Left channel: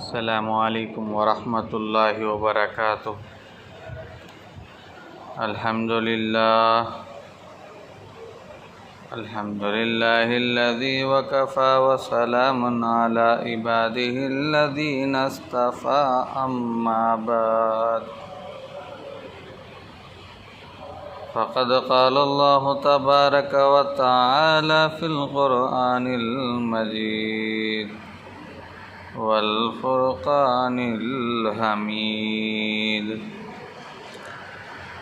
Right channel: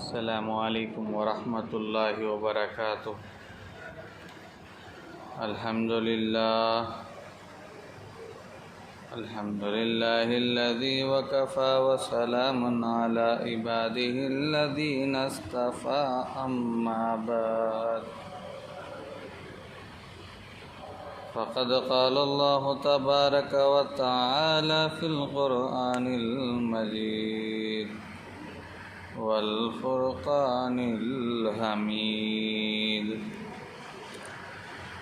السلام علیکم ورحمۃ اللہ وبرکاتہ۔ الحمد للہ الذی وکفى وسلام علی عباده الذین اصطفى، اما بعد فقد قال اللہ تبارک وتعالی فی القرآن المجید والفرقان الحمید۔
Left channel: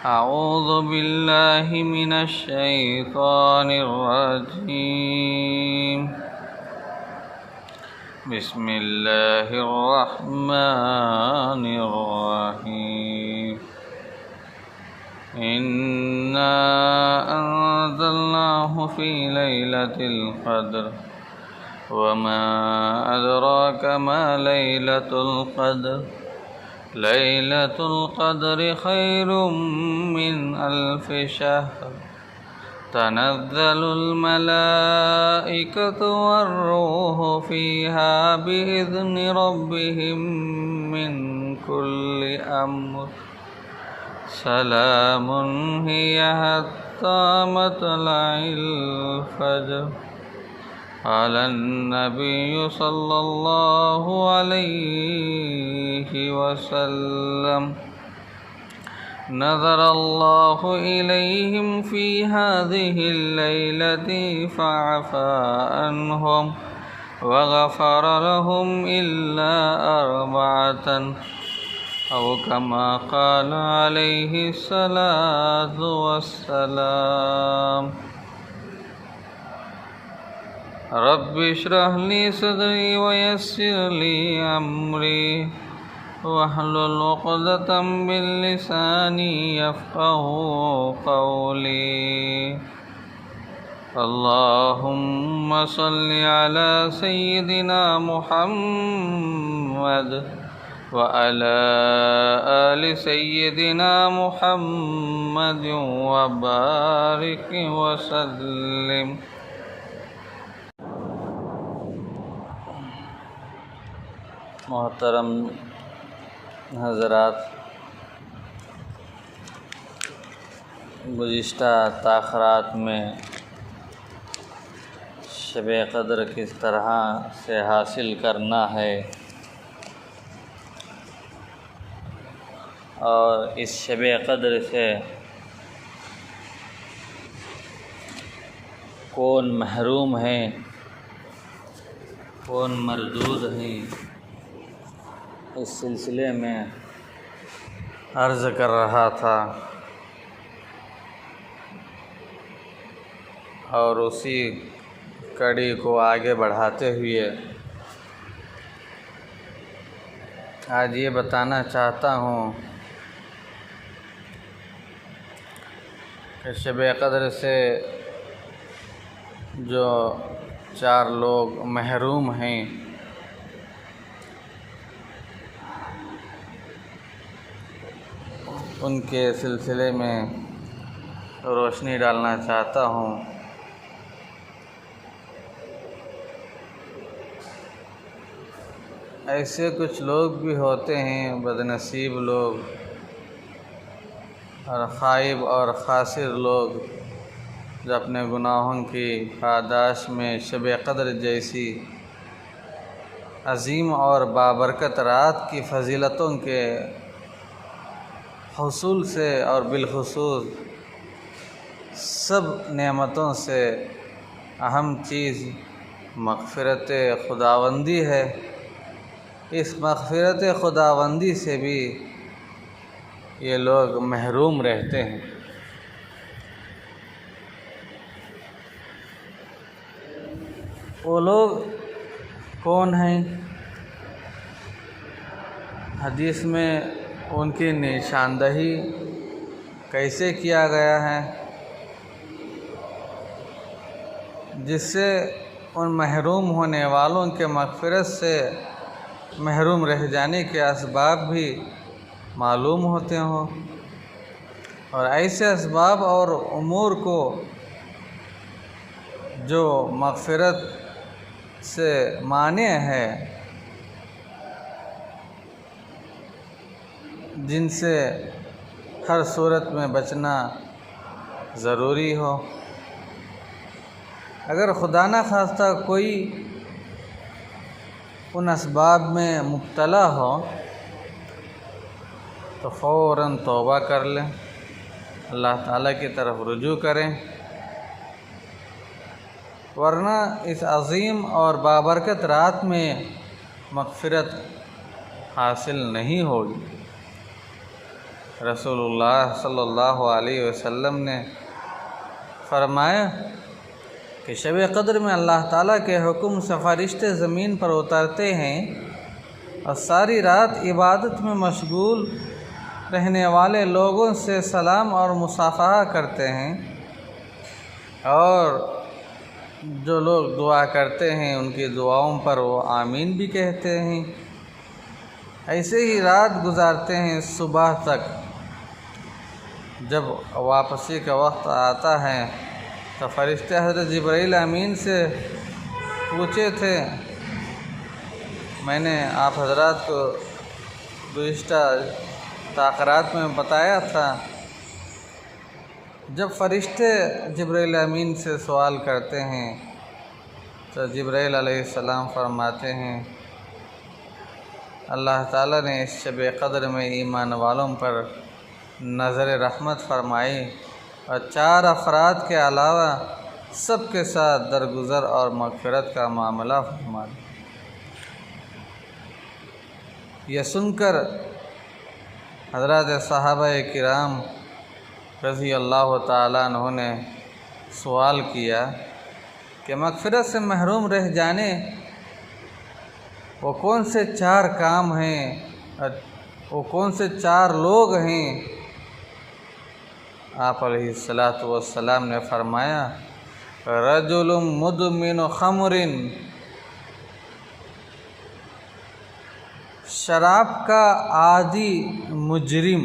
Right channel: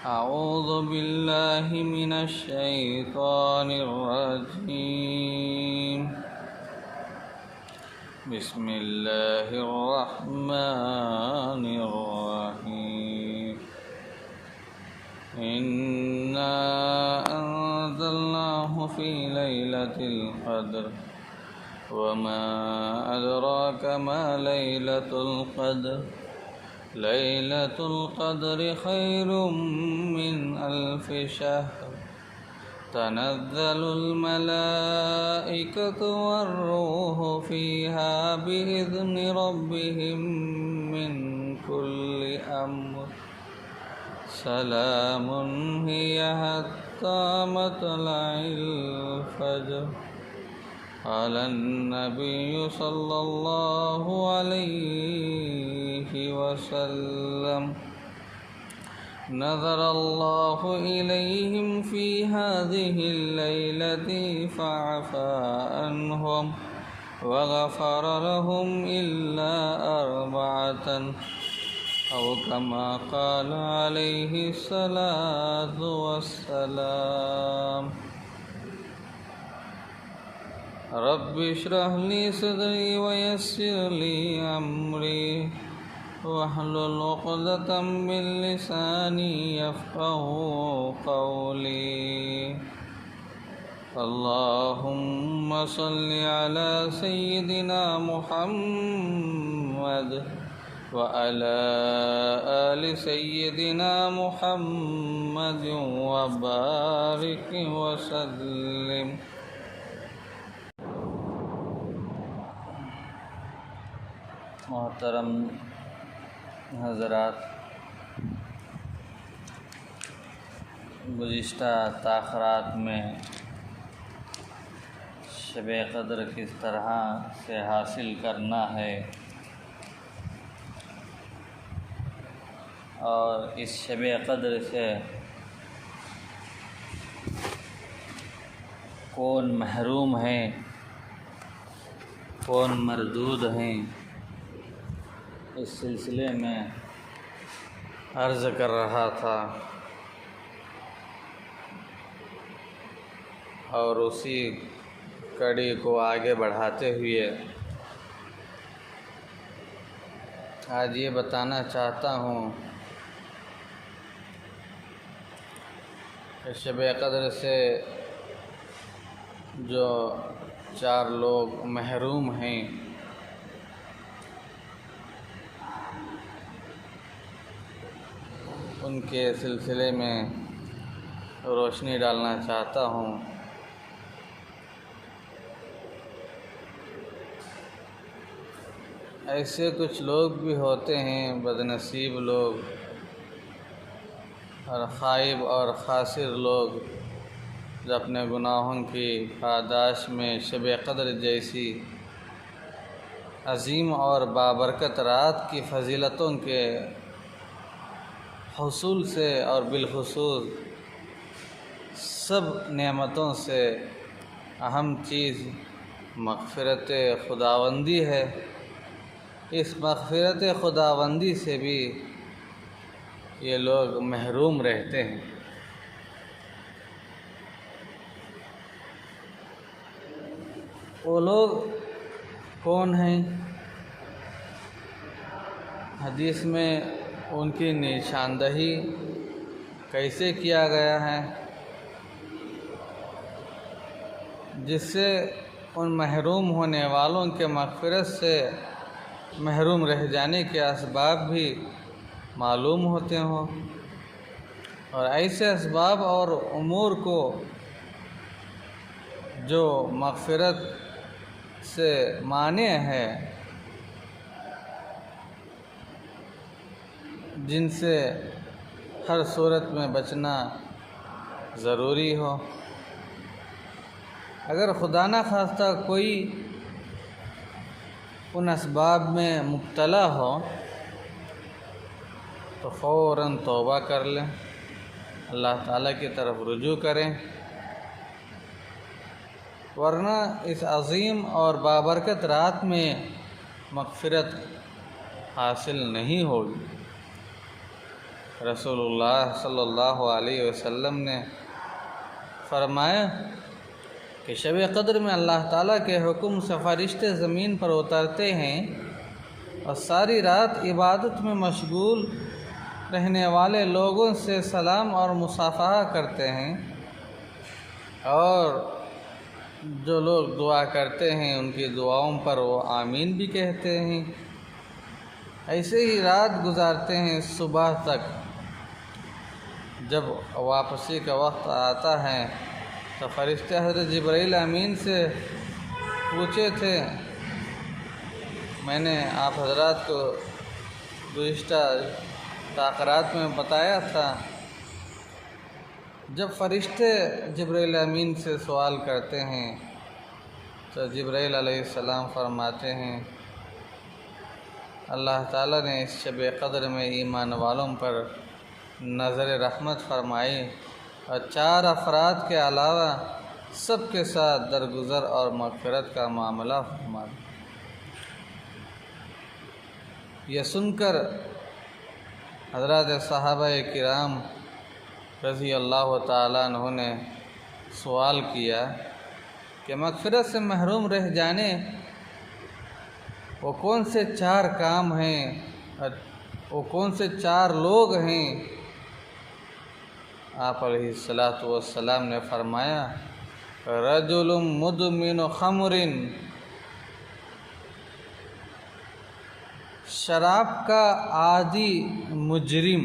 اعوذ باللہ من الشیطان الرجیم، بسم اللہ الرحمن الرحیم۔ انا انزلناہ فی لیلۃ القدر وما ادراک ما لیلۃ القدر، لیلۃ القدر خیر من الف شہر، تنزل الملائکۃ والروح فیہا بإذن ربہم من کل امر، سلام ہی حتی مطلع الفجر۔ قال النبی صلی اللہ علیہ وسلم، نظر اللہ الیہم فی هذه الليلة فعفا عنہم وغفر لهم الا اربعة، او کما قال علیہ الصلاة والسلام۔ رب اشرح لی صدری ویسر لی امری واحلل عقدۃ من لسانی یفقہوا قولی۔ اللہم صل علی سیدنا محمد وعلى آل سیدنا محمد وبارک وسلم۔ محترم حضرات، گزشتہ تاخرات میں شب قدر کس طرح سے حاصل کرنا ہے اور اس شب قدر سے کون محروم ہیں، کون مردود ہیں، اس سلسلے میں عرض کر رہا تھا، اور اسی کڑی کو آگے بڑھاتے ہوئے آج یہ بتانا چاہتا ہوں کہ شب قدر سے جو 4 لوگ محروم ہیں، ان کے سلسلے میں روشنی ڈالنا چاہتا ہوں۔ ایسے کچھ لوگ بھی ہوتے ہیں، بدنصیب لوگ اور خائب اور خاسر لوگ، جو اپنے گناہوں کی پاداش میں شب قدر جیسی عظیم اور بابرکت رات کی فضیلتوں کے حصول سے اور بالخصوص سب نعمتوں سے اہم چیز مغفرت خداوندی ہے، اس مغفرت خداوندی سے بھی یہ لوگ محروم رہتے ہیں۔ وہ لوگ کون ہیں؟ حدیث میں ان کی نشاندہی کیسے کیا گیا ہے، جس سے ان محروم ہونے والوں کے مغفرت سے محروم رہ جانے کے اسباب بھی معلوم ہوتے ہوں، اور ایسے اسباب اور امور کو جو مغفرت سے مانع ہے جن سے ہر صورت میں بچنا ضروری ہو۔ اگر خدا نہ خواستہ کوئی ان اسباب میں مبتلا ہو تو فوراً توبہ کر لیں، اللہ تعالیٰ کی طرف رجوع کریں، ورنہ اس عظیم اور بابرکت رات میں مغفرت حاصل نہیں ہوگی۔ رسول اللہ صلی اللہ علیہ وسلم نے فرمایا کہ شب قدر میں اللہ تعالیٰ کے حکم سے فرشتے زمین پر اترتے ہیں اور ساری رات عبادت میں مشغول رہنے والے لوگوں سے سلام اور مصافحہ کرتے ہیں، اور جو لوگ دعا کرتے ہیں ان کی دعاؤں پر وہ آمین بھی کہتے ہیں۔ ایسے ہی رات گزارتے ہیں صبح تک۔ جب واپسی کا وقت آتا ہے تو فرشتے حضرت جبرائیل امین سے پوچھے تھے، میں نے آپ حضرات کو گزشتہ تاخیرات میں بتایا تھا، جب فرشتے جبرائیل امین سے سوال کرتے ہیں تو جبرائیل علیہ السلام فرماتے ہیں اللہ تعالیٰ نے اس شب قدر میں ایمان والوں پر نظر رحمت فرمائی اور 4 افراد کے علاوہ سب کے ساتھ درگزر اور مغفرت کا معاملہ فرمایا۔ یہ سن کر حضرات صحابہ کرام رضی اللہ تعالیٰ عنہ نے سوال کیا کہ مغفرت سے محروم رہ جانے وہ کون سے 4 کام ہیں، وہ کون سے 4 لوگ ہیں؟ آپ علیہ الصلاۃ والسلام نے فرمایا رجل مدمن خمر، شراب کا عادی مجرم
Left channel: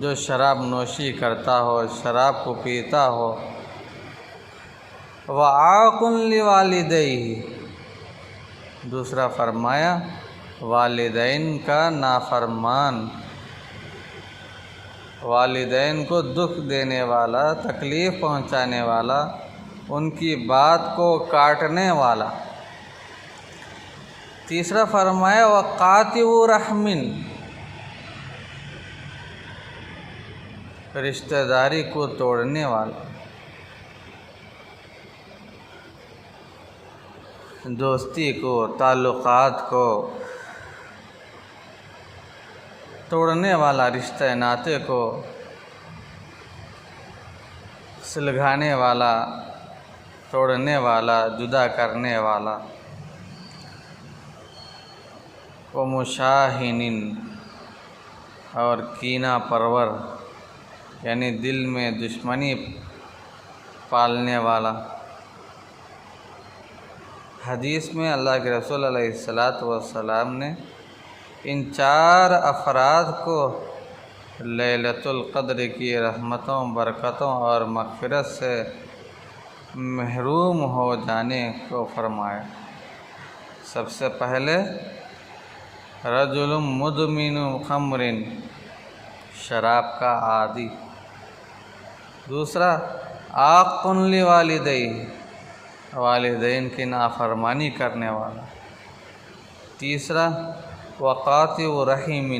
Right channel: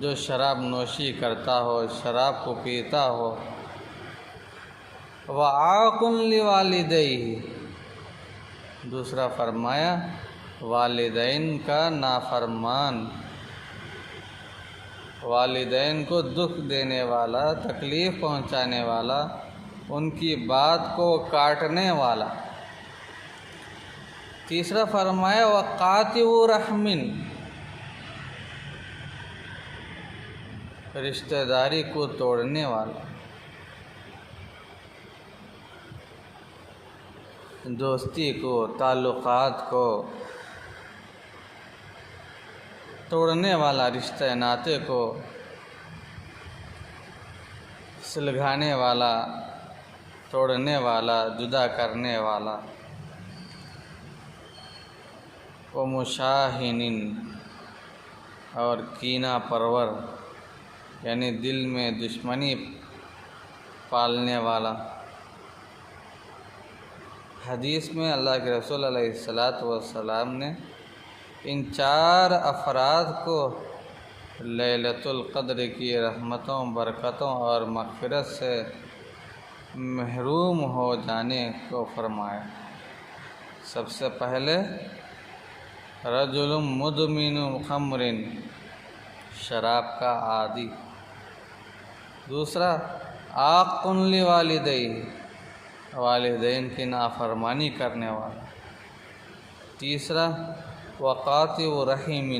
جو شراب نوشی کرتا ہو، شراب کو پیتا ہو، وعاق لوالدیہ، دوسرا فرمایا والدین کا نافرمان، والدین کو دکھ دینے والا، تکلیف پہنچانے والا، ان کی بات کو کاٹنے والا۔ تیسرا فرمایا وقاطع رحم، رشتہ داری کو توڑنے والا، دوستی کو، تعلقات کو توڑنے والا، رشتہ ناطے کو سلگھانے والا، توڑنے والا، جدا کرنے والا۔ ومشاحن، اور کینہ پرور، یعنی دل میں دشمنی پالنے والا۔ حدیث میں اللہ کے رسول علیہ الصلاۃ والسلام نے ان 4 افراد کو لیلۃ القدر کی رحمتوں، برکتوں اور مغفرت سے محروم ہو جانے کو فرمایا۔ سب سے پہلے رجل مدمن خمر، شراب کا عادی، دوسرا عاق لوالدیہ، والدین کی نافرمانی کرنے والا، تیسرا وقاطع رحم،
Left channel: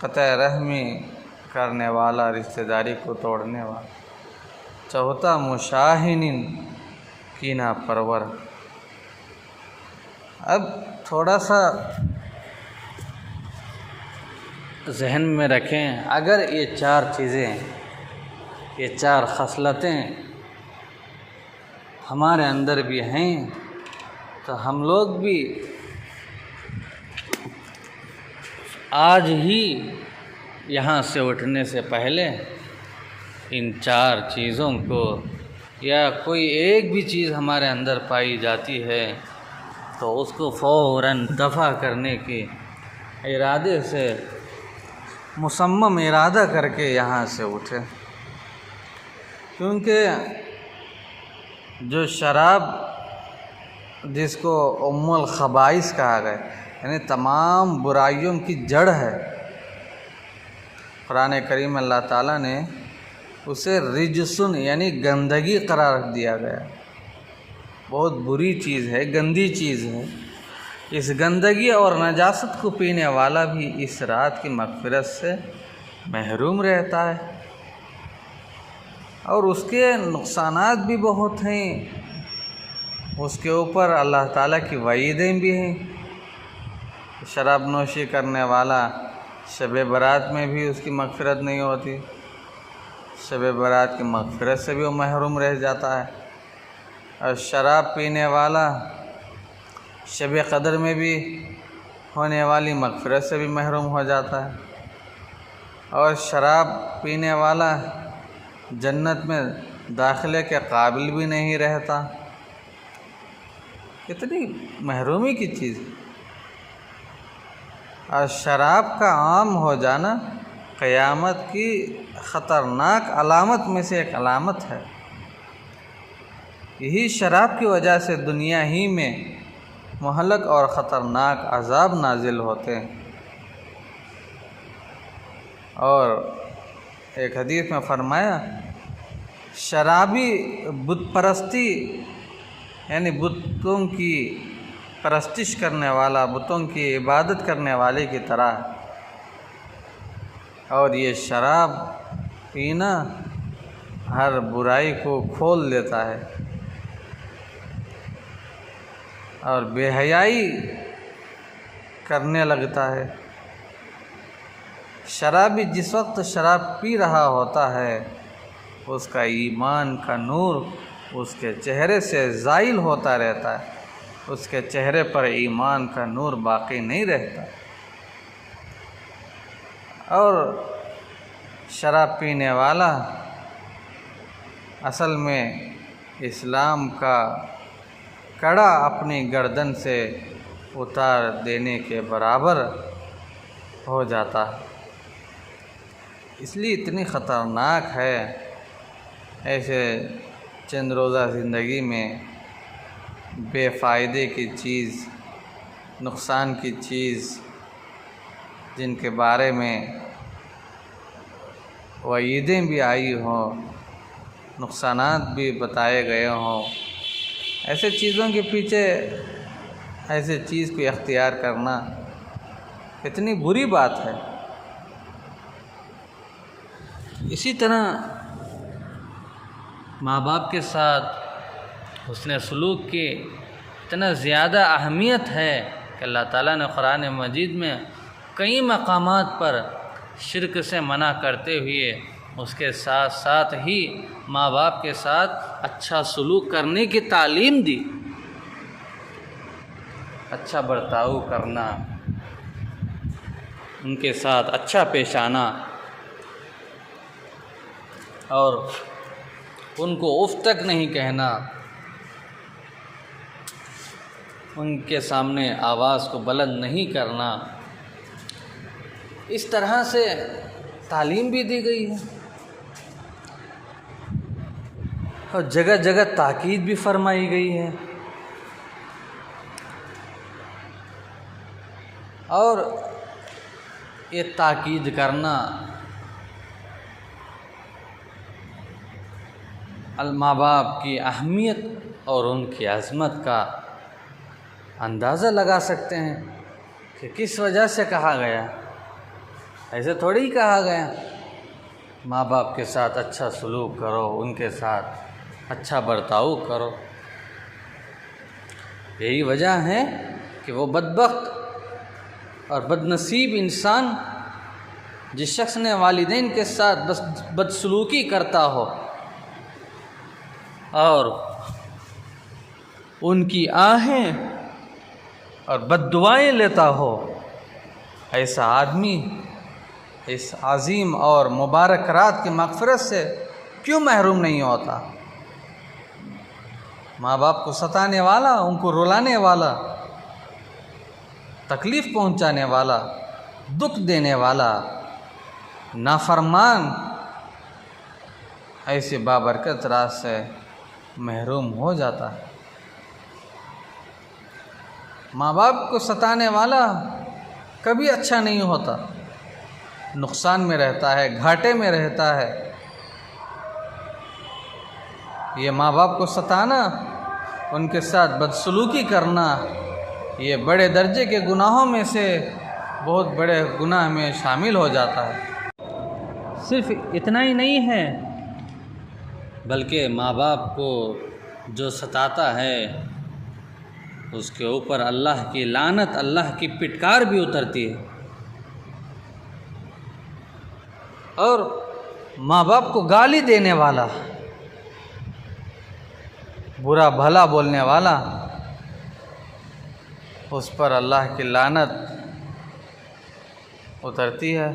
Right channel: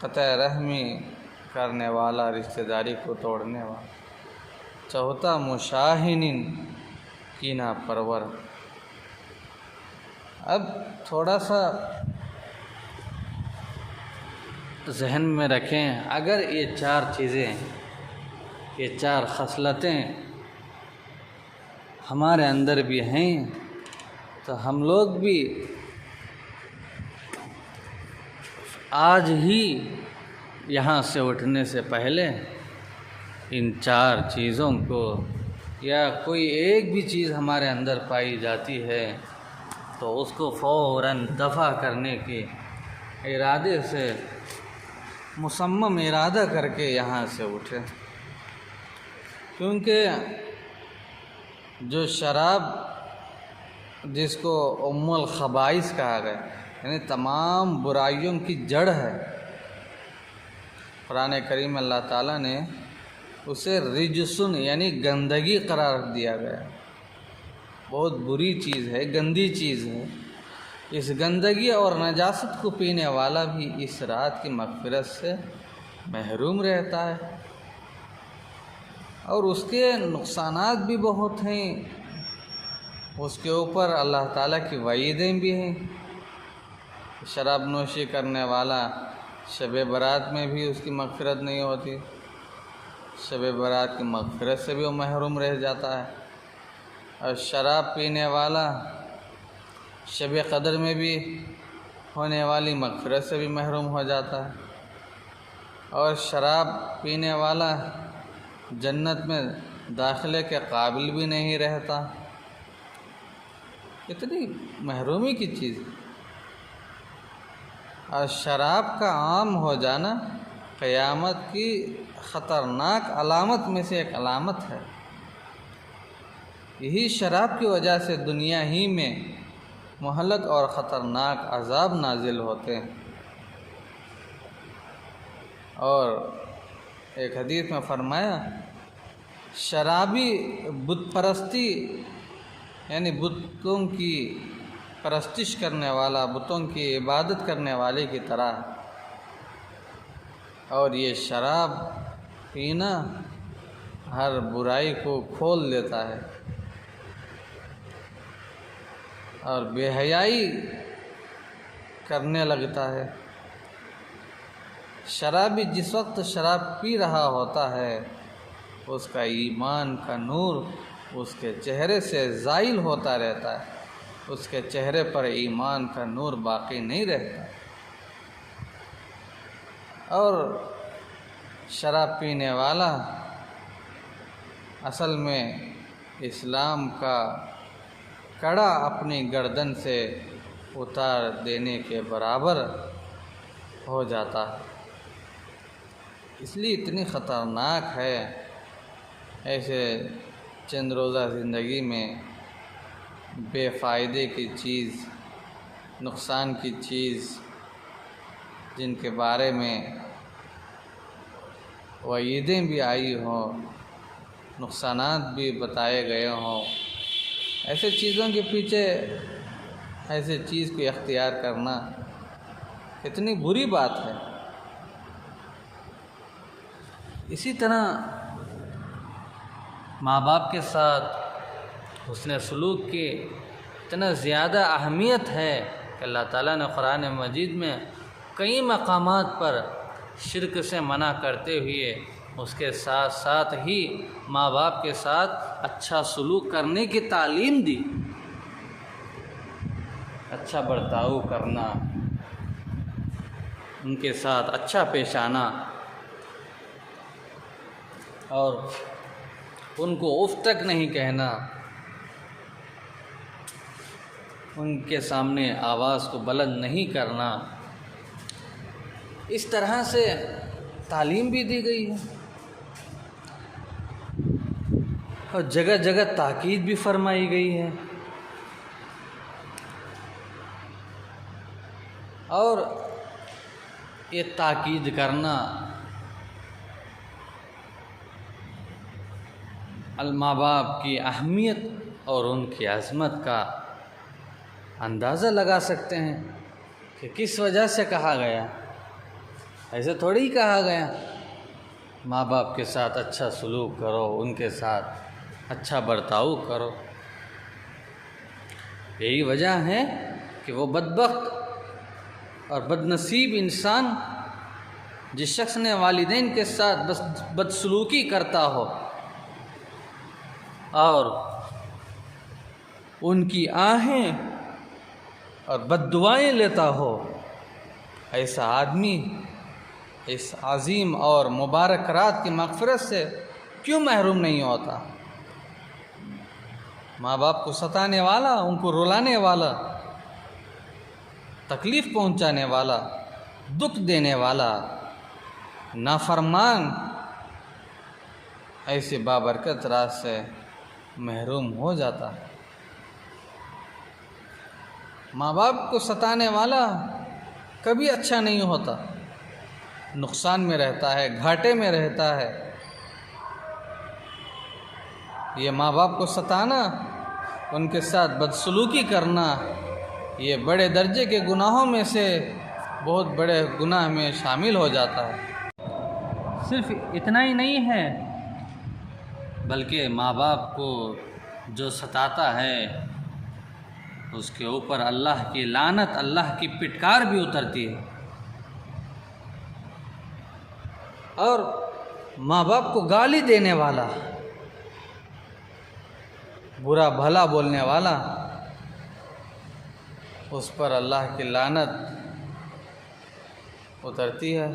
قطع رحمی کرنے والا، رشتہ داری کو توڑنے والا، چوتھا مشاحن، کینہ پرور۔ اب تھوڑا سا ذہن میں رکھیں، اگر یہ 4 چیزیں، یہ 4 خصلتیں ہمارے اندر بھی ہیں تو ہم لوگ بھی آج ہی یہاں سے اٹھنے سے پہلے ان 4 چیزوں کو، یا کوئی ایک بھی چیز ہمارے اندر پائی جاتی ہے تو اس کو فوراً دفع کرنے کے ارادے سے، مصمم ارادہ کر کے یہاں سے اٹھے، کیونکہ جو شراب جس کو ام الخبائث کہا گیا، یعنی تمام برائیوں کی جڑ ہے۔ قرآن کریم اللہ تعالیٰ نے اسے رجسن یعنی گندگی قرار دیا گیا، بہت بری چیز ہے، گندی چیز ہے۔ اس گندگی اور نجاست کو پینے والا بھی اس رات کی مغفرت سے محروم رہتا ہے، اور اس کے نقصانات بھی بہت ہیں، اس کے اوپر اللہ تعالیٰ کی وعیدیں بھی ہیں۔ شراب نوشی کرنے والا شب برات میں بھی اس کی مغفرت نہیں ہوتی، شب برات کی مغفرت سے بھی وہ محروم رہ جاتا ہے، اور شراب پینے والا شب قدر میں بھی ہونے والی مغفرت سے بھی محروم ہو جاتا ہے، اور شراب پینے والا جنت میں داخلے کے قابل بھی نہیں رہتا۔ کتنی محرومی کی چیز ہے۔ اور شراب کا عام ہو جانا قیامت کی خطرناک علامت میں سے ایک علامت ہے۔ یہی شراب کی وجہ سے دنیا ہی میں مہلک اور خطرناک عذاب نازل ہوتے ہیں۔ اور ایک حدیث میں فرمایا، شرابی بت پرستی یعنی بتوں کی پرستش کرنے والا، بتوں کی عبادت کرنے والے کی طرح، اور یہ شراب پینا ہر برائی کو کھول دیتا ہے، اور بے حیائی کرنے لگتا ہے۔ شرابی جس وقت شراب پی رہا ہوتا ہے اس کا ایمان کا نور اس کے چہرے سے زائل ہوتا رہتا ہے، اس کے چہرے پر ایمان کا نور باقی نہیں رہتا، اور شراب پینے والا اصل میں اسلام کا کڑا اپنی گردن سے اتار دینے کے برابر ہو جاتا ہے۔ اس لیے اتنی خطرناک ہے ایسے چند روزہ زندگی میں بے فائدے کی چیز، نقصان کی چیز، جن کے بارے میں وعیدیں بھی آئی ہوں، نقصانات بھی بتائے گئے ہوں، ایسے چیزوں کے پیچھے ایسے چیز کو اختیار کرنا کتنی بری بات ہے۔ اسی طرح ماں باپ کے ساتھ حسن سلوک کی اتنا زیادہ اہمیت ہے کہ اللہ تعالیٰ نے قرآن مجید میں کئی مقامات پر شرک سے منع کرتے ہوئے اس کے ساتھ ساتھ ہی ماں باپ کے ساتھ اچھا سلوک کرنے کی تعلیم دی، اچھا برتاؤ کرنا، ان کے ساتھ اچھا پیش آنا، اور ان کو اف تک نہیں کہنا، ان کے سامنے آواز کو بلند نہیں کرنا، اس طرح سے تعلیم بھی دی گئی ہے، اور جگہ جگہ تاکید بھی فرمائی گئی ہے۔ اور یہ تاکید کرنا ماں باپ کی اہمیت اور ان کی عظمت کا اندازہ لگا سکتے ہیں کہ کس وجہ سے کہا گیا، ایسے تھوڑی ہی کہا گیا ماں باپ کے ساتھ اچھا سلوک کرو، ان کے ساتھ اچھا برتاؤ کرو۔ یہی وجہ ہے کہ وہ بدبخت اور بدنصیب انسان جس شخص نے والدین کے ساتھ بدسلوکی کرتا ہو اور ان کی آہیں اور بد دعائیں لیتا ہو، ایسا آدمی اس عظیم اور مبارک رات کی مغفرت سے کیوں محروم نہیں ہوتا؟ ماں باپ کو ستانے والا، ان کو رلانے والا، تکلیف پہنچانے والا، دکھ دینے والا نافرمان ایسے بابرکت رات سے محروم ہو جاتا ہے۔ ماں باپ کو ستانے والا کبھی اچھا نہیں ہوتا، نقصان میں رہتا ہے، گھاٹے میں رہتا ہے۔ یہ ماں باپ کو ستانا، ان کے ساتھ بدسلوکی کرنا، یہ بڑے درجے کے گناہوں میں سے بہت بڑے گناہ میں شامل ہو جاتا ہے۔ صرف اتنا ہی نہیں ہے بلکہ ماں باپ کو جو ستاتا ہے اس کے اوپر اللہ کی لعنت، اللہ کی پٹکار بھی اترتی ہے۔ اور ماں باپ کو گالی دینے والا، برا بھلا بولنے والا، اس پر اللہ کی لعنت اترتی ہے۔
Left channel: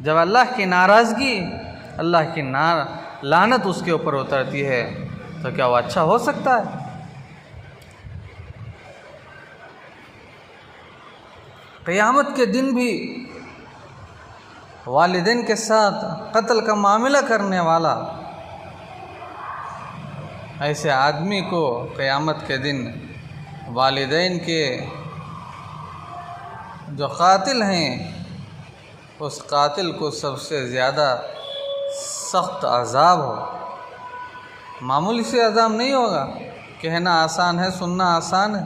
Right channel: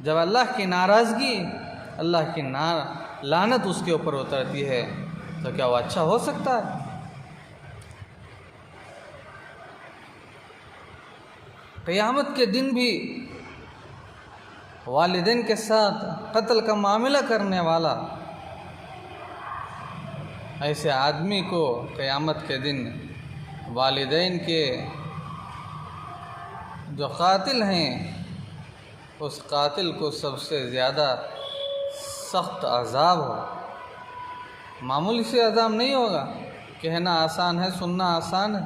جب اللہ کی ناراضگی، اللہ کی لعنت اس کے اوپر اترتی ہے تو کیا وہ اچھا ہو سکتا ہے؟ قیامت کے دن بھی والدین کے ساتھ قتل کا معاملہ کرنے والا، ایسے آدمی کو قیامت کے دن والدین کے جو قاتل ہیں اس قاتل کو سب سے زیادہ سخت عذاب ہو۔ معمولی سے عذاب نہیں ہوگا، کہنا آسان ہے، سننا آسان ہے۔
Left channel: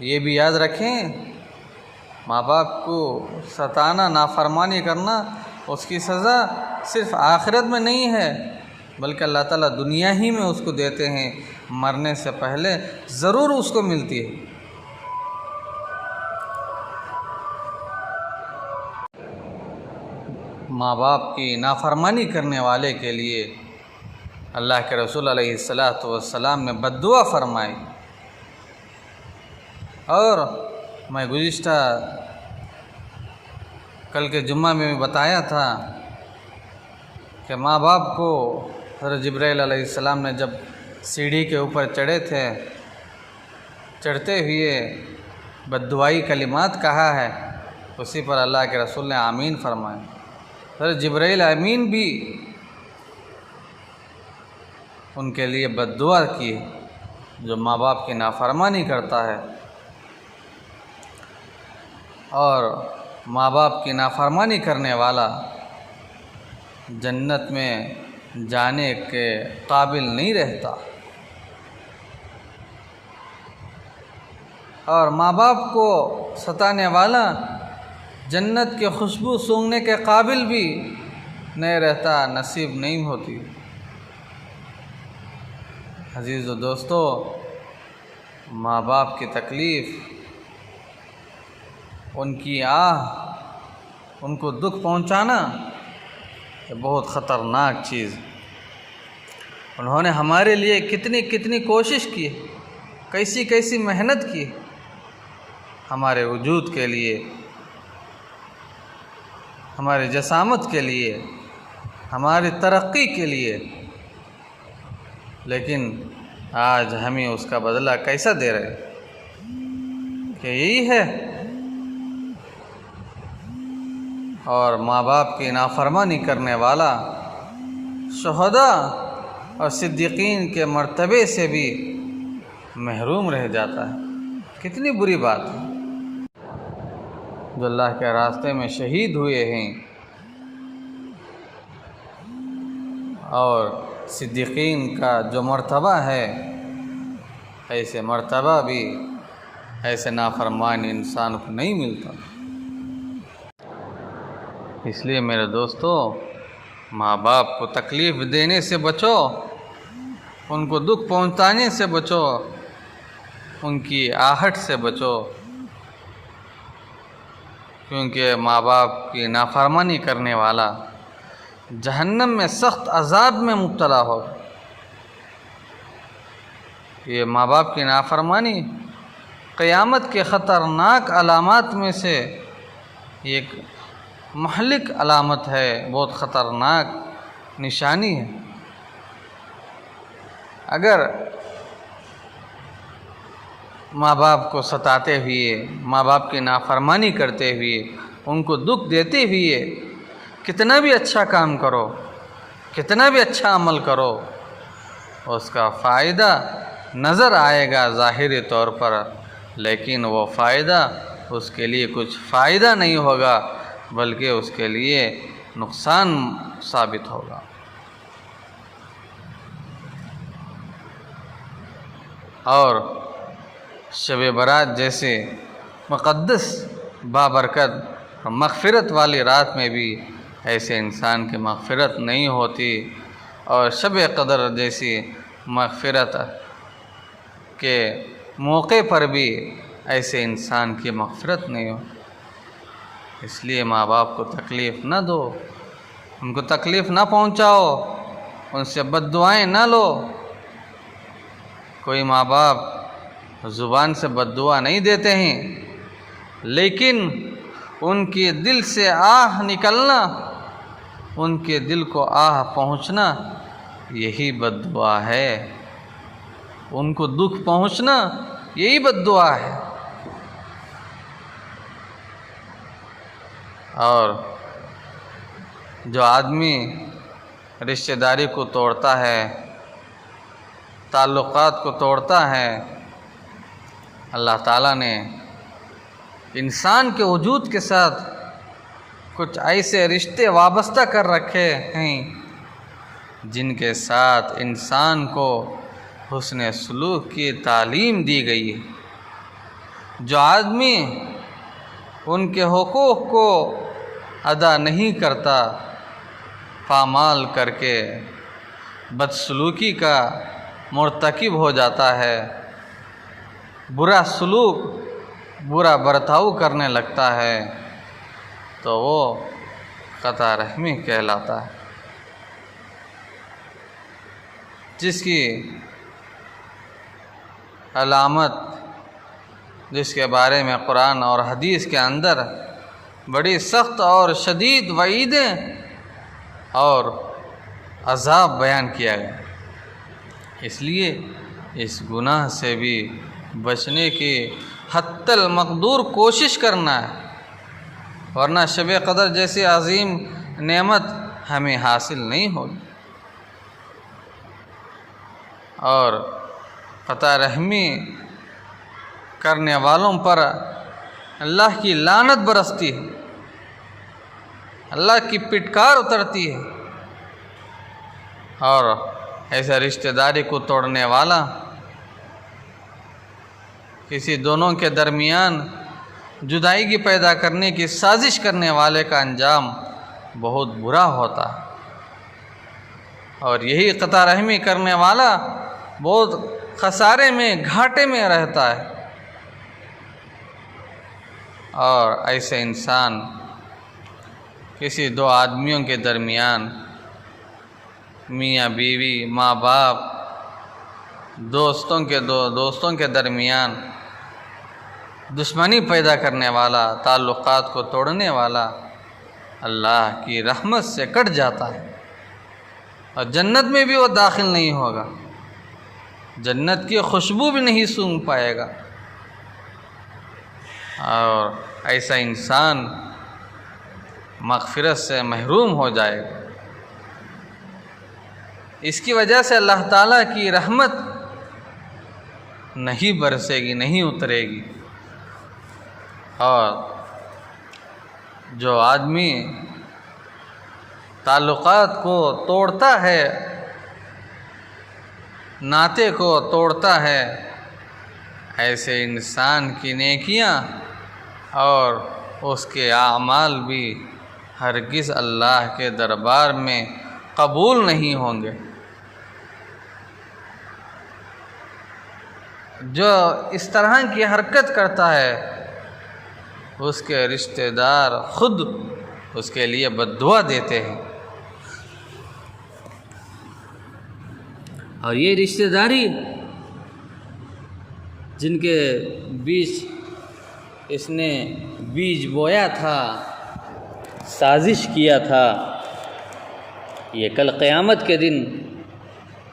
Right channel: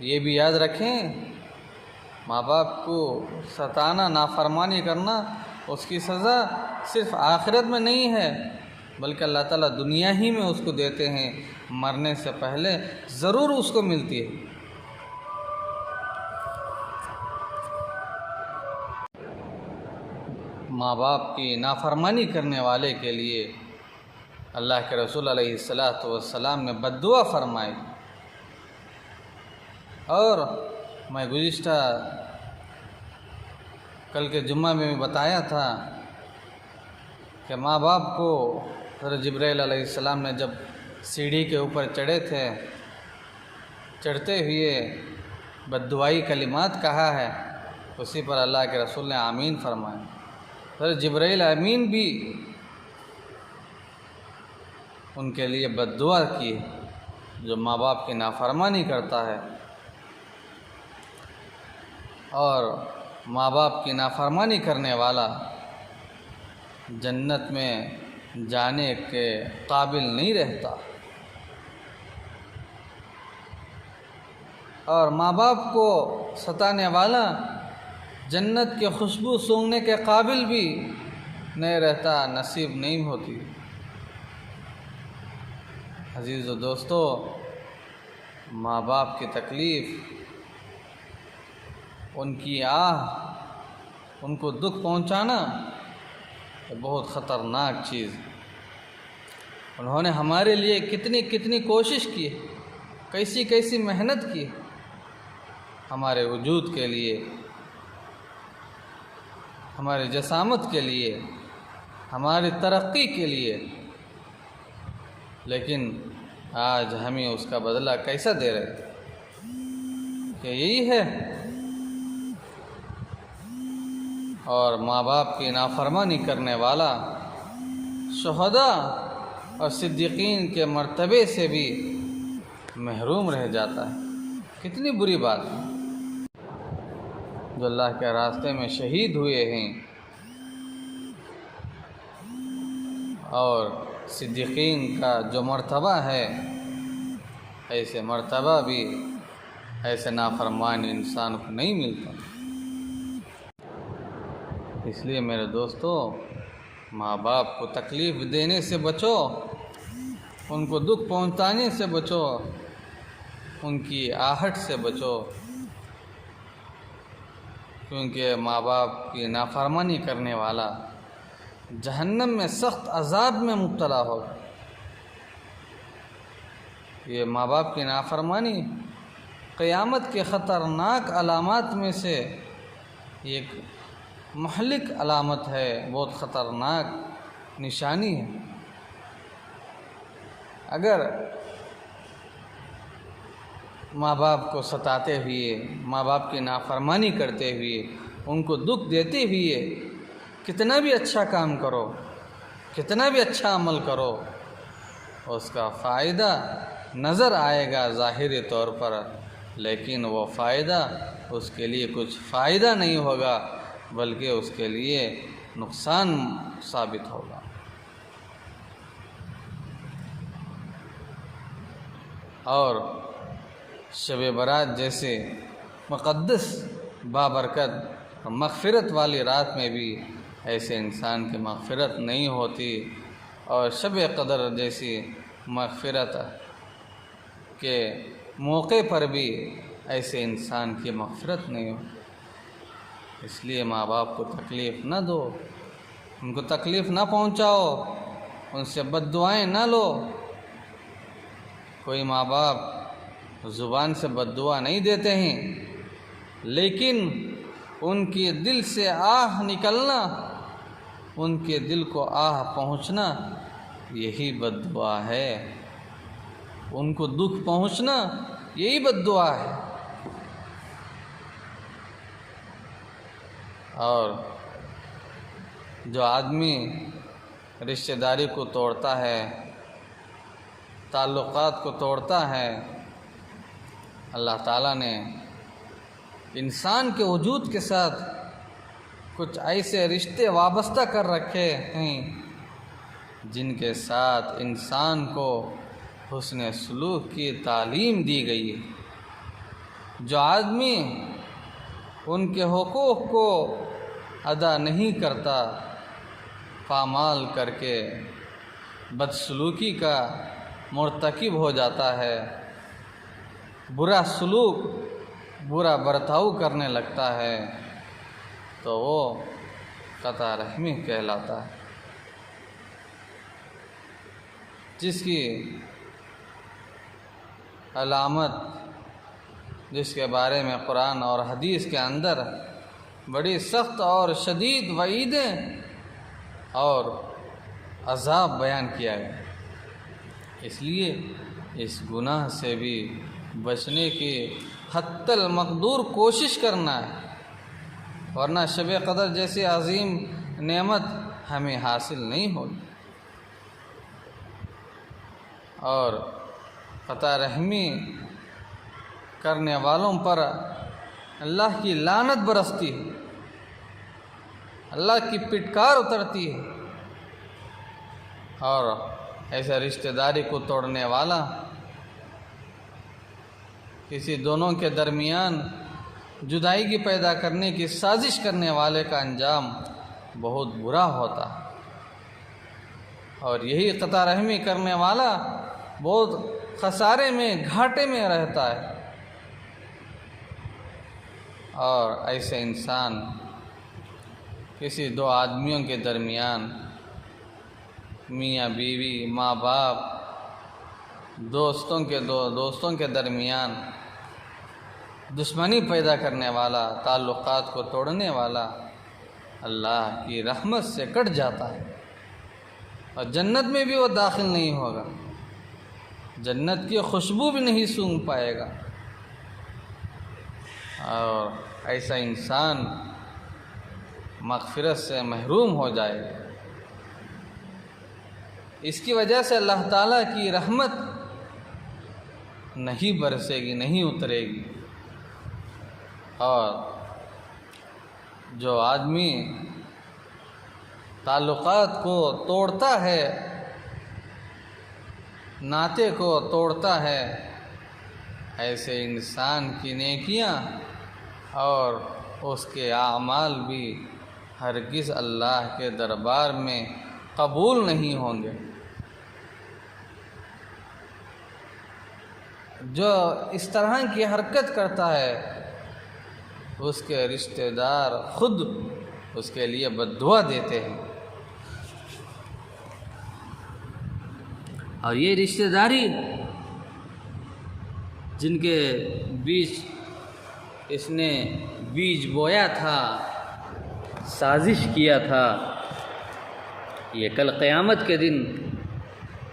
یہ بھی یاد رکھیں، ماں باپ کو ستانا، نافرمانی کرنا، اس کی سزا صرف آخرت میں نہیں ہے بلکہ اللہ تعالیٰ دنیا ہی میں اس کو دیتے ہیں، مرنے سے پہلے ضرور اس کو ملتی ہے۔ ماں باپ کی نافرمانی کرنے والے کے لیے اللہ کے رسول علیہ السلام نے بد دعا فرمائی۔ اور میں گزشتہ کل کے جمعہ میں بتایا تھا کہ ماں باپ کو حضرت جبرائیل علیہ السلام نے جب سیڑھی کے اوپر چڑھے تھے، چڑھتے ہوئے بد دعائی کلمات کہا ہے، اسی پر اللہ کے رسول نے آمین فرمایا۔ حضرت جبرائیل امین بھی ان کے لیے بد دعا کی جو ماں باپ کی نافرمانی کرتا ہے۔ اور ماں باپ کی نافرمانی کرنے والا جنت میں جانے کے قابل نہیں رہتا، اور ماں باپ کو ستانے والا جنت کے خوشبو سونگھنے کے قابل بھی نہیں رہتا، نصیب نہیں ہوتی۔ عزیز و دوستو، ماں باپ کی تکلیف، ان کی آہ، ان کو دکھ پہنچانا بہت خطرناک چیز۔ انہوں نے ہمارے لیے کتنی کوشش کی، کیسی محنت کی ہمارے وجود کے لیے، ہمارے جسامت کے لیے، ہماری ترقی کے لیے، لیکن آج ہمیں اس کا بدلہ کیسا دے رہے؟ کہ یہی ہے۔ اور ماں باپ کی نافرمانی کرنے والا شہداء اور صدیقین کے مرتبے سے بھی محروم رہ جاتا ہے۔ کتنی بری بات ہے۔ جو اللہ کے راستے میں شہید ہوئے ہیں اور صدیقین کا جو مرتبہ ہے، ایسے مرتبہ بھی ایسے نافرمان انسان کو نہیں ملتا۔ اس لیے میرے دوستو، ماں باپ کو تکلیف دینے سے بچو، ان کو دکھ پہنچانے سے بچو، ان کی آہٹ سے بچو، کیونکہ ماں باپ کی نافرمانی کرنے والا جہنم میں سخت عذاب میں مبتلا ہوگا۔ یہ ماں باپ کی نافرمانی قیامت کے خطرناک علامات میں سے ایک مہلک علامت ہے، بہت خطرناک نشانی ہے۔ اگر ماں باپ کو ستاتے ہوئے، ماں باپ کی نافرمانی کرتے ہوئے، ان کو دکھ دیتے ہوئے کتنا بھی اچھا کام کرو، کتنا بھی اچھا عمل کرو اس کا فائدہ نظر آئے گا ظاہری طور پر، لیکن وہ فائدہ اس کے لیے کچھ فائدہ نہیں ہوگا بلکہ اس کے لیے نقصان ثابت ہوگا۔ اور شب برات جیسے مقدس بابرکت مغفرت والی رات میں بھی ایسے انسان کی مغفرت نہیں ہوتی، اور شب قدر جیسی مغفرت کے موقع پر بھی ایسے انسان کی مغفرت نہیں ہو۔ اس لیے ماں باپ کو تکلیف نہ دو، ان کو تکلیف نہ پہنچاؤ، ان سے بد دعائیں نہ لو۔ کوئی ماں باپ زبان سے بد دعا نہیں دیتے ہیں، لیکن ان کے دل سے آہ نکلنا، ان کے دل کو آہ پہنچنا، یہی بد دعا ہے۔ ان کو دکھ پہنچنا یہی بد دعا ہے۔ اور جو آدمی رشتہ داری کو توڑتا ہے، تعلقات کو توڑتا ہے، اللہ تعالیٰ نے انسان کے وجود کے ساتھ کچھ ایسے رشتے وابستہ کر رکھے ہیں جن کے ساتھ انسان کو حسن سلوک کی تعلیم دی گئی ہے۔ جو آدمی ان کے حقوق کو ادا نہیں کرتا، پامال کر کے بدسلوکی کا مرتکب ہو جاتا ہے، برا سلوک، برا برتاؤ کرنے لگتا ہے، تو وہ قطع رحمی کہلاتا ہے، جس کی علامت، جس کے بارے میں قرآن اور حدیث کے اندر بڑی سخت اور شدید وعیدیں اور عذاب بیان کیا گیا۔ اس لیے اس گناہ سے بھی بچنے کی حتی المقدور کوشش کرنا ہے، ورنہ شب قدر جیسی عظیم نعمت ہمیں حاصل نہیں ہوگی۔ اور قطع رحمی کرنے والوں پر اللہ کی لعنت برستی ہے، اللہ کی پٹکار اترتی ہے، اور ایسا رشتہ داری کو توڑنے والا، کسی دونوں کے درمیان جدائی کی پیدا کرنے کی سازش کرنے والے کا انجام بہت برا ہوتا ہے۔ اور یہی قطع رحمی کرنے والا بہت خسارے میں، گھاٹے میں رہتا ہے۔ اور ایسے انسان کسی دو آدمیوں کے درمیان، میاں بیوی، ماں باپ، دوستوں کے درمیان دشمنی پیدا کرنے والا، تعلقات کو توڑنے والا، اللہ کی رحمت سے کٹ جاتا ہے، اور جنت میں بھی وہ داخل نہیں ہوگا، جنت کی خوشبو بھی نہیں سونگھ پائے گا۔ اور ایسا انسان مغفرت سے محروم ہو جائے گا۔ اس کی وجہ سے اللہ تعالیٰ کی رحمت نہیں برسے گی، نہیں اترے گی۔ اور جو آدمی تعلقات کو توڑتا ہے، ناطے کو توڑتا ہے، ایسے انسان کی نیکیاں اور اس کے اعمال بھی ہرگز اللہ کے دربار میں قبول نہیں ہوں گے۔ جو اس طرح کی حرکت کرتا ہے، اس کے رشتہ دار خود اس کے لیے بد دعا دیتے ہیں۔ اور یہ رشتہ داری جن کے بیچ اس نے بیج بویا تھا، سازش کیا تھا، یہ کل قیامت کے دن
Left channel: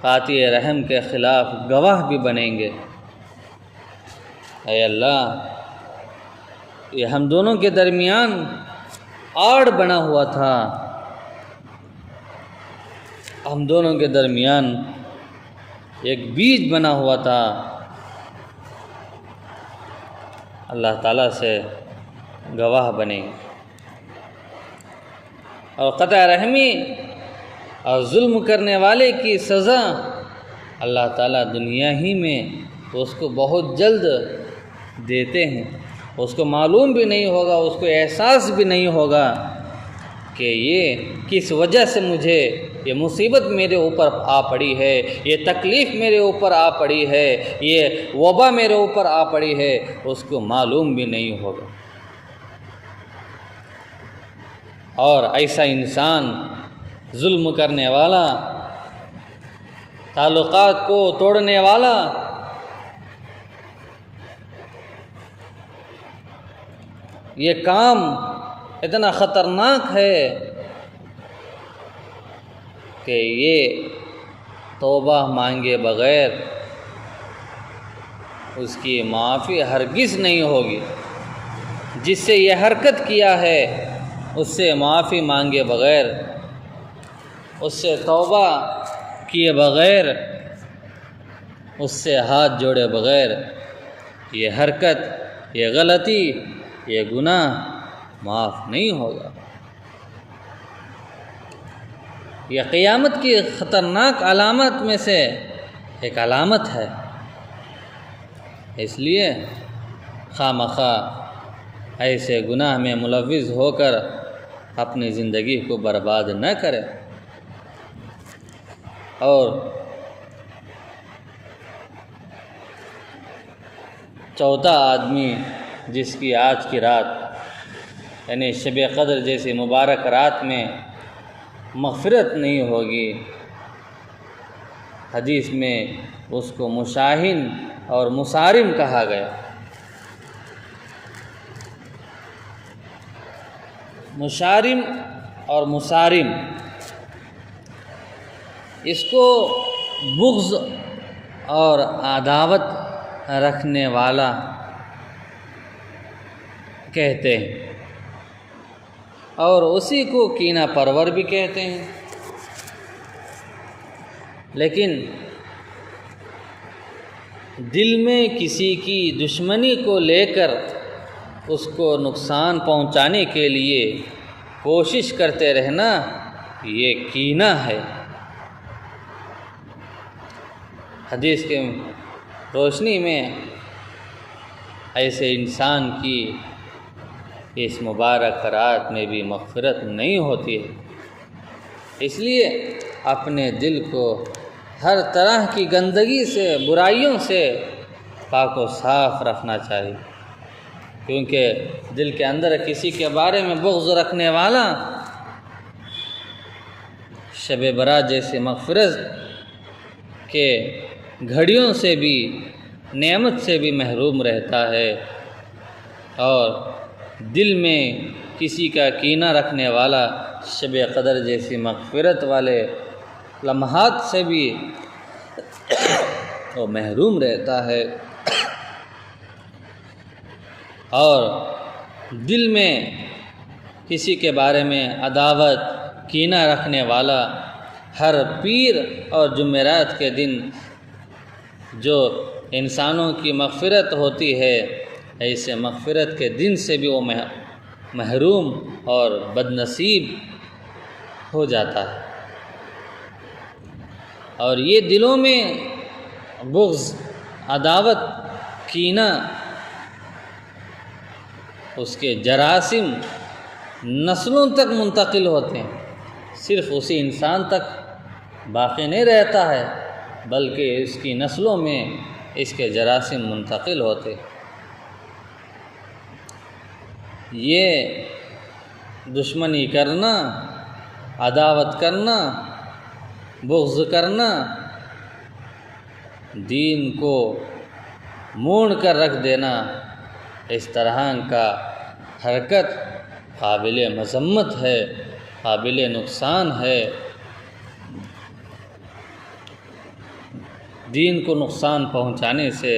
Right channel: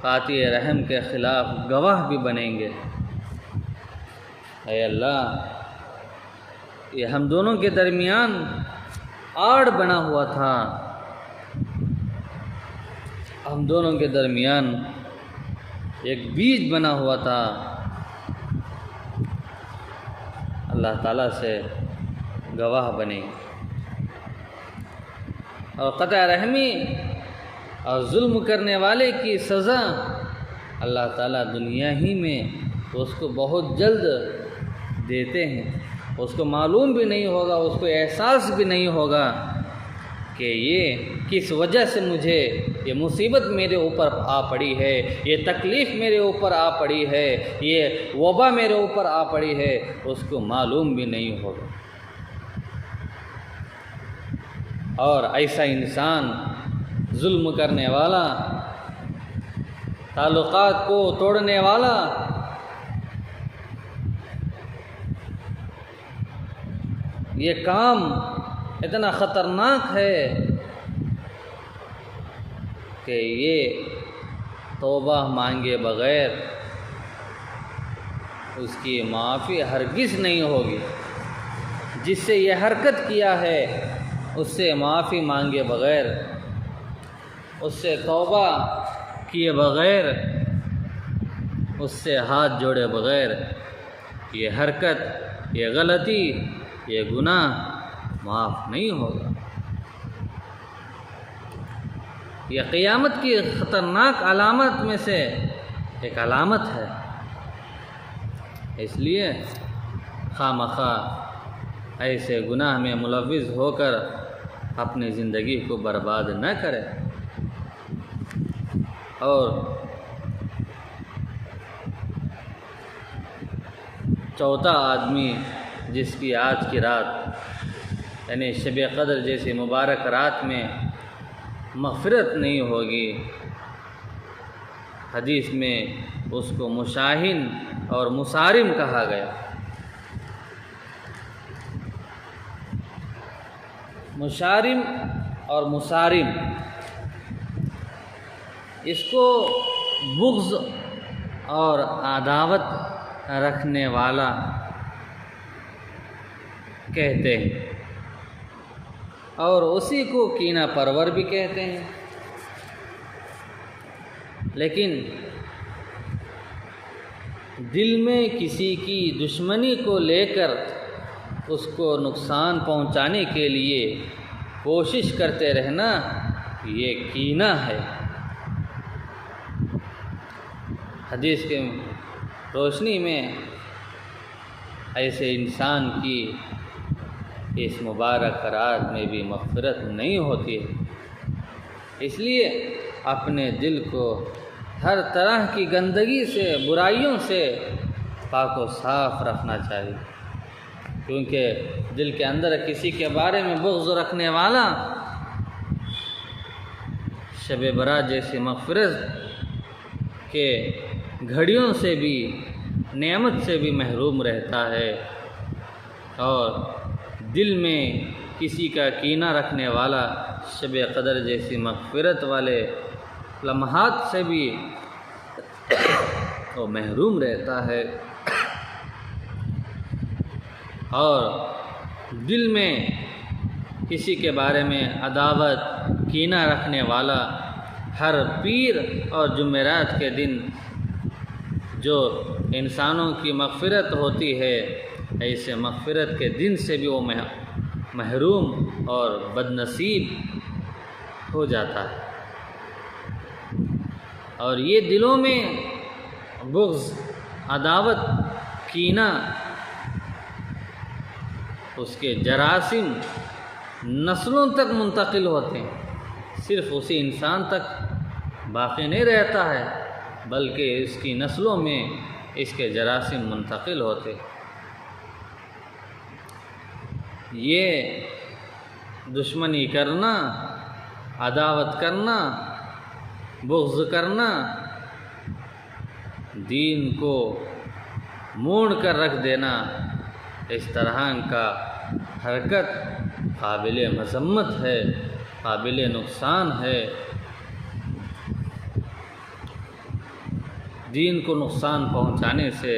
قاطع رحم کے خلاف گواہ بھی بنیں گے۔ اے اللہ، یہ ہم دونوں کے درمیان آڑ بنا ہوا تھا، ہم دونوں کے درمیان ایک بیج بنا ہوا تھا، اللہ تعالیٰ سے گواہ بنے، اور قطع رحمی اور ظلم کرنے والے کی سزا اللہ تعالیٰ دنیا ہی میں اس کو بہت جلد دیتے ہیں۔ اس کو معلوم بھی نہیں ہوگا، اس کو احساس بھی نہیں ہوگا کہ یہ کس وجہ سے مجھے یہ مصیبت میرے اوپر آ پڑی ہے، یہ تکلیف میرے اوپر آ پڑی ہے، یہ وبا میرے اوپر آ پڑی ہے، اس کو معلوم بھی نہیں ہوگا۔ اور ایسا انسان ظلم کرنے والا، تعلقات کو توڑنے والا، یہ کام اتنا خطرناک ہے کہ یہ توبہ مانگے بغیر اس کی معافی ہرگز نہیں ہوگی۔ جس سے یہ حرکت کیا ہے اس سے معافی مانگے بغیر، اس سے توبہ کیے بغیر، اس سے ہاتھ جوڑے بغیر یہ حرکت، یہ غلطی، یہ گناہ معاف نہیں ہوگا۔ یہ قیامت کی خطرناک علامت میں سے ایک علامت ہے۔ اس لیے خواہ مخواہ ایسے گناہ میں ملوث ہو کر اپنی زندگی کو برباد نہ کرے۔ اور چوتھا آدمی جس کی آج کی رات یعنی شب قدر جیسی مبارک رات میں مغفرت نہیں ہوگی، حدیث میں اس کو مشاہن اور مصارم کہا گیا۔ مشارم اور مصارم، اس کو بغض اور عداوت رکھنے والا کہتے ہیں، اور اسی کو کینہ پرور بھی کہتے ہیں۔ لیکن دل میں کسی کی دشمنی کو لے کر اس کو نقصان پہنچانے کے لیے کوشش کرتے رہنا، یہ کینہ ہے۔ حدیث کے روشنی میں ایسے انسان کی اس مبارک رات میں بھی مغفرت نہیں ہوتی ہے۔ اس لیے اپنے دل کو ہر طرح کی گندگی سے، برائیوں سے پاک و صاف رکھنا چاہیے، کیونکہ دل کے اندر کسی کے بارے میں بغض رکھنے والا شب برات جیسی مغفرت کے گھڑیوں سے بھی، نعمت سے بھی محروم رہتا ہے، اور دل میں کسی کا کینہ رکھنے والا شب قدر جیسی مغفرت والے لمحات سے بھی وہ محروم رہتا ہے۔ اور دل میں کسی کے بارے میں عداوت، کینہ رکھنے والا ہر پیر اور جمعرات کے دن جو انسانوں کی مغفرت ہوتی ہے، ایسے مغفرت کے دن سے بھی وہ محروم اور بدنصیب ہو جاتا ہے۔ اور یہ دلوں میں بغض، عداوت، کینہ، اس کے جراثیم نسلوں تک منتقل ہوتے ہیں، صرف اسی انسان تک باقی نہیں رہتا ہے، بلکہ اس کی نسلوں میں اس کے جراثیم منتقل ہوتے۔ یہ دشمنی کرنا، عداوت کرنا، بغض کرنا، دین کو موڑ کر رکھ دینا، اس طرح کا حرکت قابل مذمت ہے، قابل نقصان ہے۔ دین کو نقصان پہنچانے سے،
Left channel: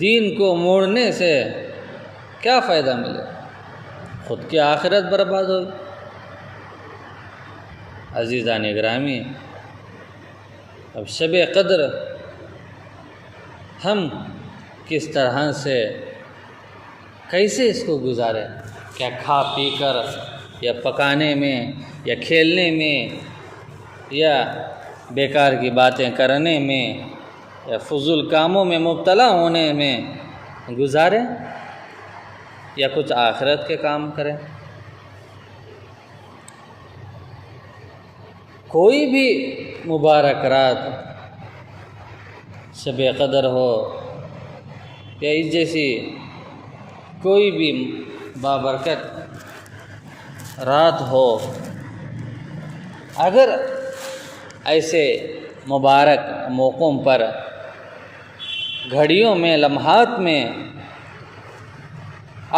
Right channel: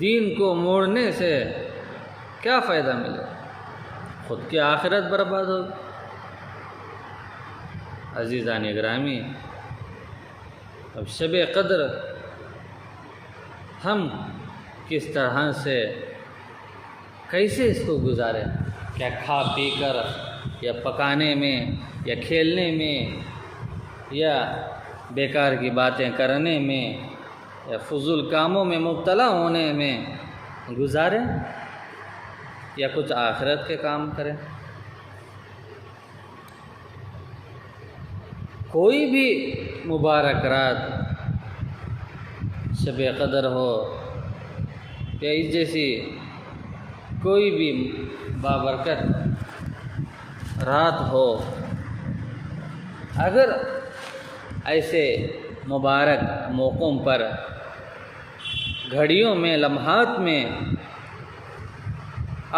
دین کو موڑنے سے کیا فائدہ ملے؟ خود کی آخرت برباد ہوگی۔ عزیزان گرامی، اب شب قدر ہم کس طرح سے کیسے اس کو گزاریں؟ کیا کھا پی کر یا پکانے میں یا کھیلنے میں یا بیکار کی باتیں کرنے میں یا فضول کاموں میں مبتلا ہونے میں گزاریں یا کچھ آخرت کے کام کریں؟ کوئی بھی مبارک رات شب قدر ہو یا اس جیسی کوئی بھی بابرکت رات ہو، اگر ایسے مبارک موقعوں پر گھڑیوں میں لمحات میں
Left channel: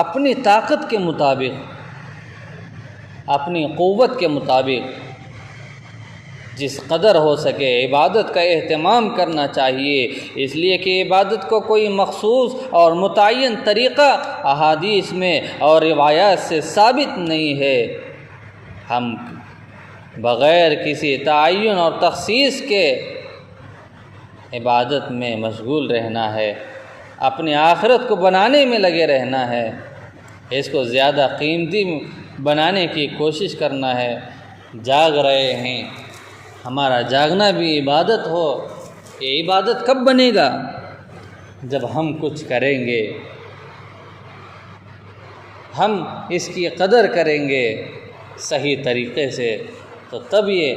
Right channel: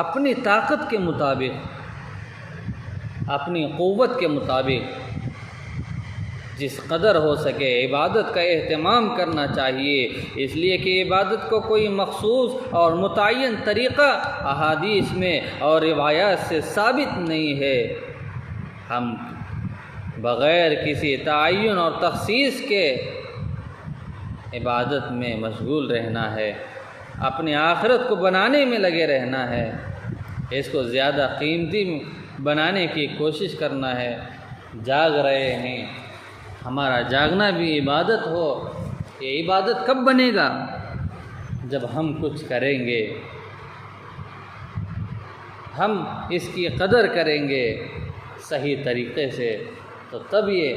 اپنی طاقت کے مطابق اپنی قوت کے مطابق جس قدر ہو سکے عبادت کا اہتمام کرنا چاہیے، اس لیے کہ عبادت کو کوئی مخصوص اور متعین طریقہ احادیث میں اور روایات سے ثابت نہیں ہے۔ ہم بغیر کسی تعین اور تخصیص کے عبادت میں مشغول رہنا ہے، اپنی آخرت کو بنانے میں لگے رہنا ہے، اس کو زیادہ قیمتی بنانے کی کوشش کرنا ہے۔ جاگ رہے ہیں، ہمارا جاگنا بھی عبادت ہو۔ یہ عبادت کب بنے گا؟ جب ہم کچھ کریں گے، ہم اس کی قدر کریں گے صحیح طریقے سے، تو تب یہ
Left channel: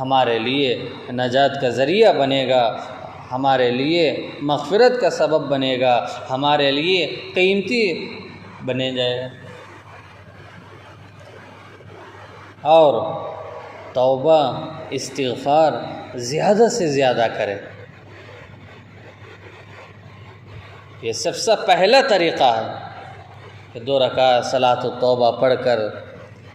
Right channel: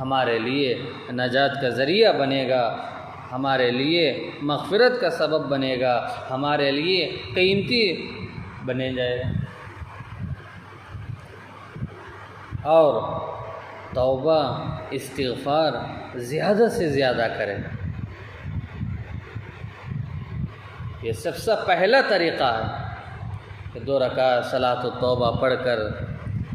ہمارے لیے نجات کا ذریعہ بنے گا، ہمارے لیے مغفرت کا سبب بنے گا، ہمارے لیے قیمتی بنے جائے گا۔ اور توبہ استغفار زیادہ سے زیادہ کریں۔ یہ سب سے پہلا طریقہ ہے کہ 2 رکعت صلاۃ التوبہ پڑھ کر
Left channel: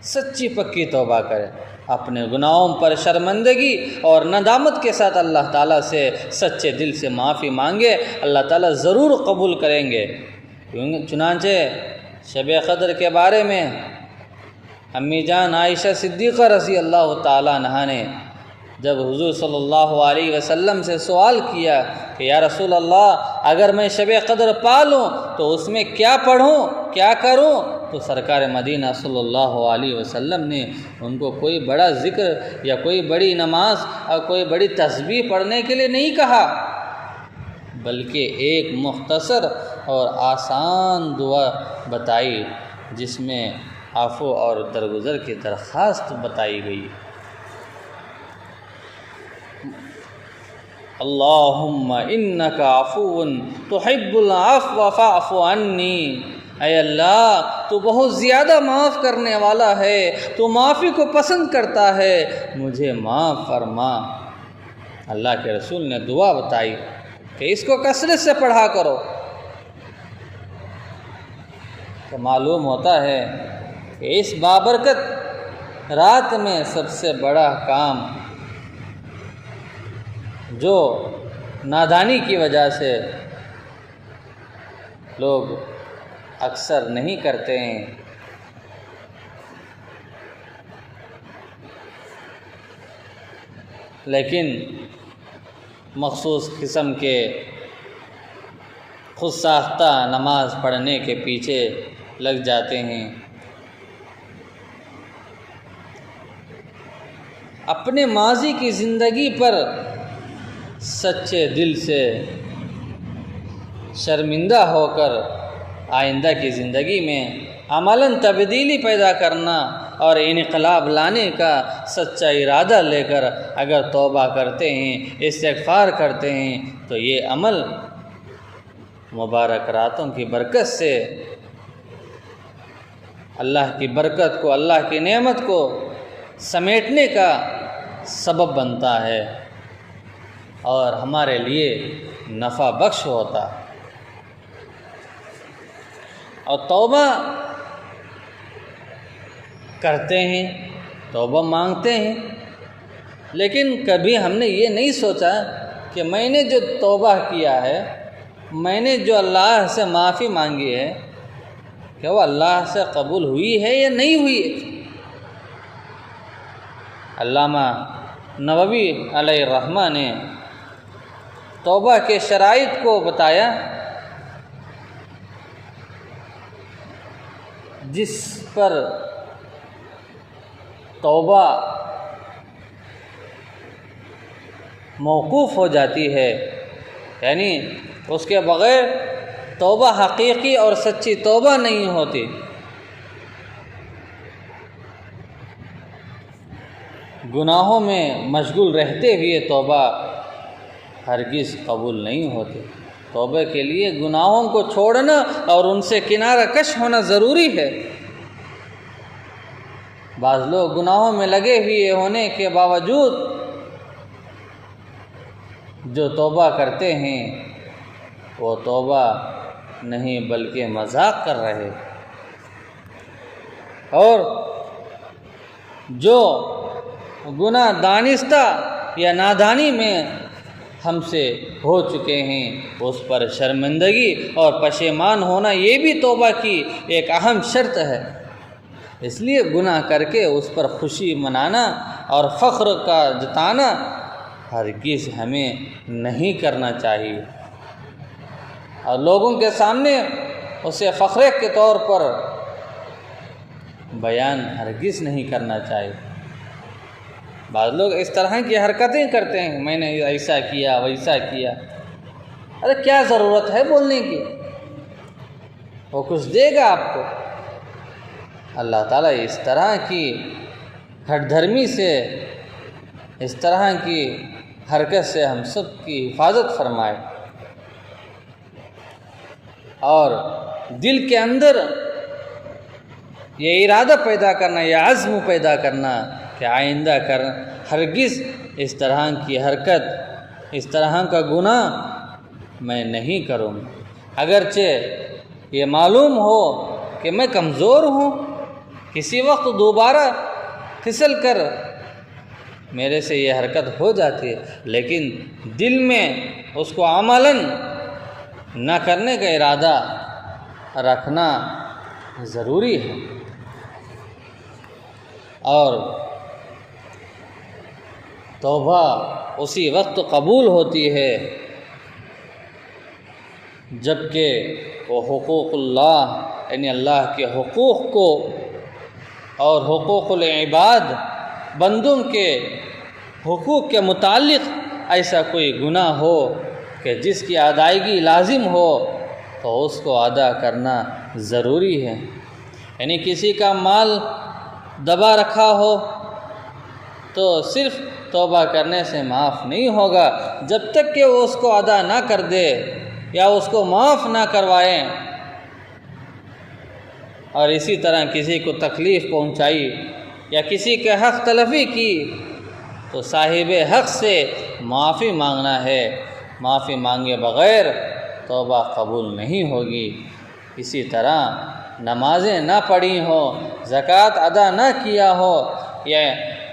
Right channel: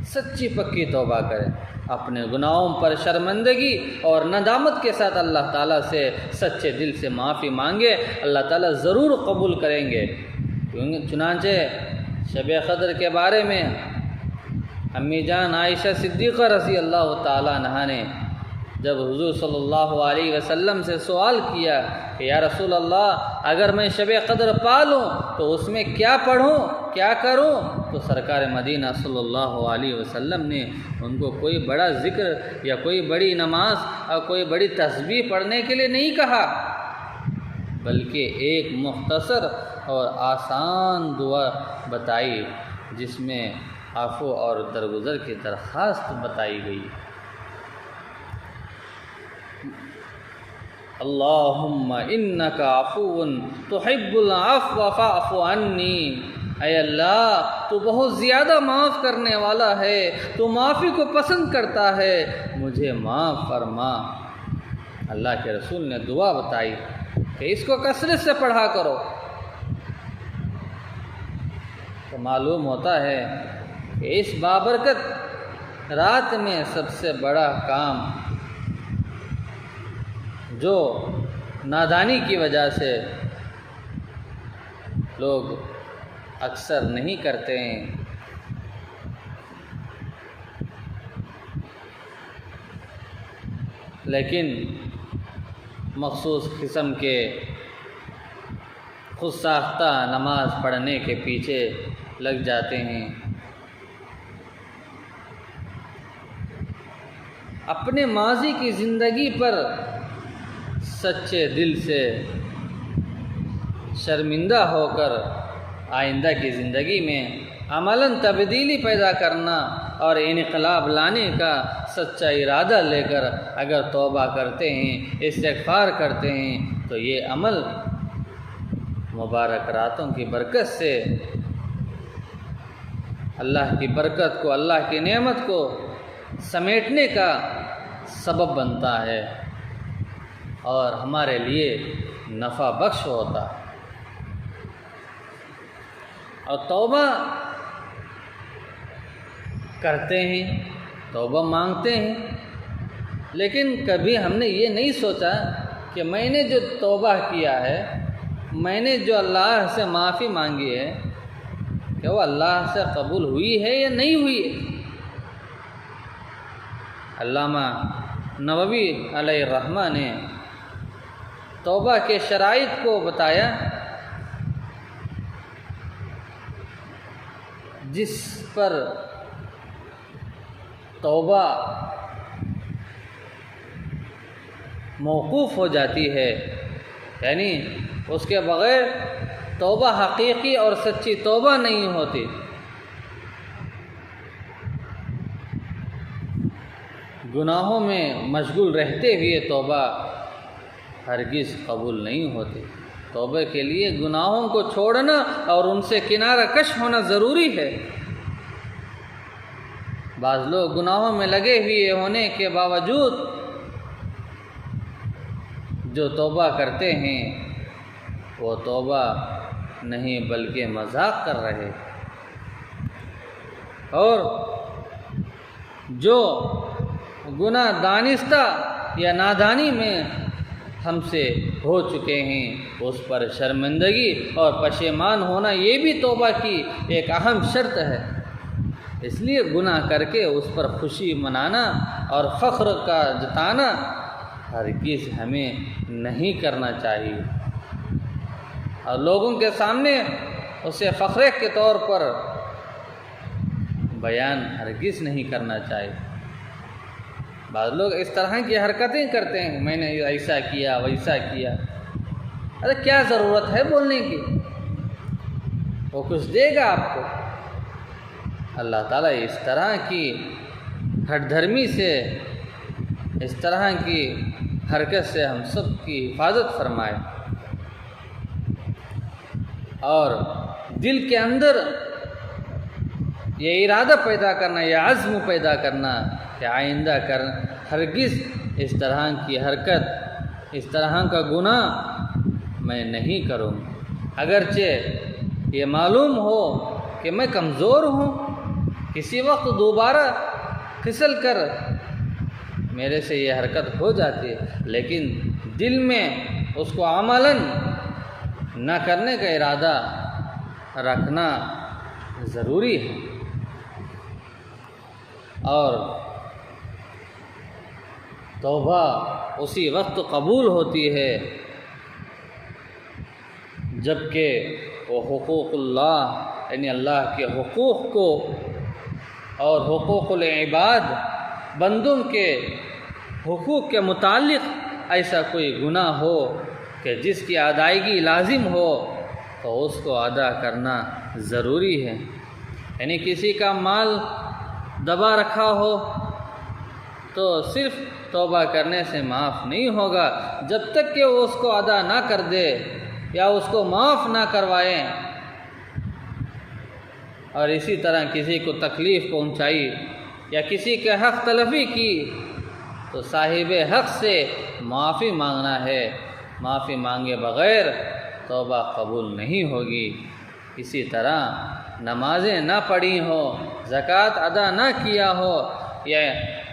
سچی پکی توبہ کریں، اپنے گناہوں پر شرمندگی اور ندامت کے ساتھ اللہ تعالیٰ سے سچے دل سے معافی مانگے، اللہ تعالیٰ ضرور قبول کریں گے۔ چنانچہ شب قدر کے بارے میں امی جان عائشہ صدیقہ رضی اللہ تعالیٰ عنہا نے جب حضور صلی اللہ علیہ وسلم سے سوال کیا کہ یا رسول اللہ، اگر میں شب قدر پا لوں تو اس میں کیا پڑھوں، کیا کروں؟ تو سرکار مدینہ صلی اللہ علیہ وسلم نے ان کو کوئی بڑا ذکر یا کوئی بڑی نماز اور کوئی بڑی تسبیح پڑھنے کے لیے نہیں کہا، بلکہ ایک مختصر اور آسان دعا بتائی جس میں عفو اور درگزر کی درخواست بتائی گئی۔ اللہم انک عفو تحب العفو فاعف عنی، اے اللہ تو بہت زیادہ معاف کرنے والا ہے، تو معافی کو پسند کرتا ہے، مجھے معاف فرما۔ اللہ کے رسول نے دعا بتائی کہ اس کو کثرت سے پڑھا کرو۔ تو معلوم ہوتا ہے کہ اس بابرکت رات میں سب سے بڑا کام جو نادانی کی وجہ سے لوگ اکثر نہیں کرتے ہیں، لیکن مخصوص قسم کے خود ساختہ نماز پڑھنے کے پیچھے لگ جاتے ہیں، اپنے ماضی کی زندگی پر سچے دل سے شرمندہ ہو کر آئندہ کی زندگی میں عملاً تبدیلی پیدا کرنا اور انقلاب لانے کا سچا ارادہ لے کر اگر توبہ کرتے ہیں، استغفار کرتے ہیں، تو یہ عمل مبارک راتوں کی برکت سے اللہ کی برکت کو، اللہ کی نعمت کو سمیٹنے کا سبب بنتا ہے اور ہمارے لیے نفع بخش ہوتا ہے۔ اور توبہ کرتے ہیں، توبہ مانگتے ہیں، لیکن کبھی ہم نے یہ نہیں سوچا کہ میں نے جو توبہ کیا ہے، میں نے جو اللہ سے معافی مانگی ہے، کہ وہ اللہ سے قبول ہوئی ہے یا نہیں ہوئی ہے۔ علامہ نووی علیہ الرحمہ نے توبہ کے شرائط کو بتایا، جس پر توبہ موقوف ہو جاتی ہے، یعنی اس کے بغیر توبہ حقیقی اور سچی توبہ نہیں ہوتی۔ گناہوں میں مشغول رہتے ہوئے توبہ ہرگز قبول نہیں ہوتی۔ توبہ کے لیے گناہوں کو چھوڑنا اور ان سے کنارہ کش ہونا ضروری ہے۔ بعض لوگ گناہوں میں لگے ہوئے ہونے کے باوجود جو توبہ کرتے ہیں وہ توبہ نہیں بلکہ مذاق کر رہے، اور جو گناہ دانستہ یا نادانی میں ہم سے ہو چکے ہیں اس پر شرمندگی اور پشیمان ہونا یہ بھی توبہ کی ایک اہم شرط ہے۔ اس لیے گناہ کر کے اس پر خوشی منانا اور فخر کا جتانا ہرگز ہمیں نہیں کرنا چاہیے، اور لوگوں کے سامنے اسے فخر کے طور پر بیان ہرگز نہیں کرنا چاہیے۔ بعض لوگ اس طرح کی حرکتیں کرتے ہیں، میں نے ایسا کیا ویسا کیا۔ ارے کیا ضرورت ہے بولنے کی؟ وہ کچھ دے گا آپ کو؟ اللہ تعالیٰ اس طرح کی ہٹ دھرمی سے، اس طرح کی حرکت سے ہم سب کی حفاظت فرمائے، اور دل کے اندر یہ ارادہ پیدا کرنا، یہ عزم پیدا کرنا کہ آئندہ ہرگز اس طرح کی حرکت، اس طرح کا گناہ میں نہیں کروں، اگرچہ یہ معلوم ہو کہ میں کمزور ہوں، کسی وقت دوبارہ پھسل کر میرے سے یہ حرکت ہو جاتی ہے، لیکن دل میں اس کو عملاً نہ کرنے کا ارادہ رکھنا ضروری ہے۔ اور توبہ اسی وقت قبول ہوتی ہے جبکہ وہ حقوق اللہ، یعنی اللہ کے حقوق کو اور حقوق العباد، بندوں کے حقوق کے متعلق ایسا کوئی گناہ ہو کہ جس کی ادائیگی لازم ہو تو اس کو ادا کرنا ضروری ہے۔ یعنی کسی کا مال دبا رکھا ہو تو صرف توبہ کرنے سے معاف نہیں ہوگا، جب تک کہ وہ اس کو ادا نہ کر دے یا اس کو معاف نہ کروائیں، اور اسی طرح کسی کو تکلیف پہنچائی یا کسی کے حق تلفی کی تو صاحب حق سے معافی مانگنا ہے، معافی مانگے بغیر توبہ قبول نہیں ہوگی۔ اسی طرح نمازیں نہ پڑھی ہوں، زکوٰۃ ادا نہ کیا ہو، یا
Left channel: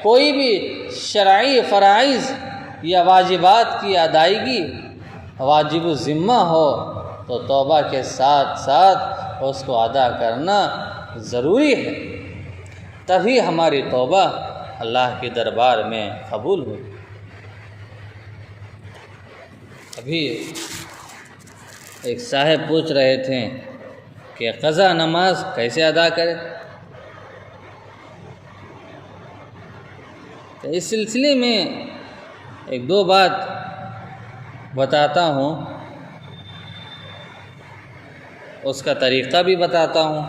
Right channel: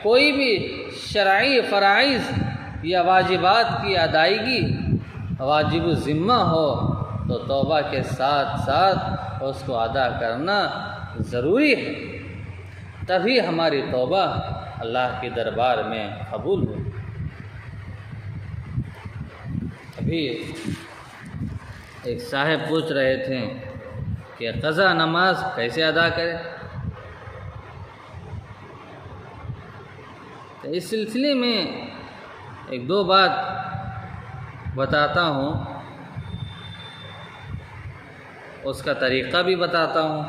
کوئی بھی شرعی فرائض یا واجبات کی ادائیگی واجب الذمہ ہو تو توبہ کے ساتھ ساتھ اس کو ادا کرنا ضروری ہے، تبھی ہماری توبہ اللہ کے دربار میں قبول ہو۔ ابھی ایک صاحب پوچھ رہے تھے کہ قضا نماز کیسے ادا کرے، تو اس سلسلے میں ایک دو بات بتاتا ہوں، اس کا طریقہ بھی بتاتا ہوں،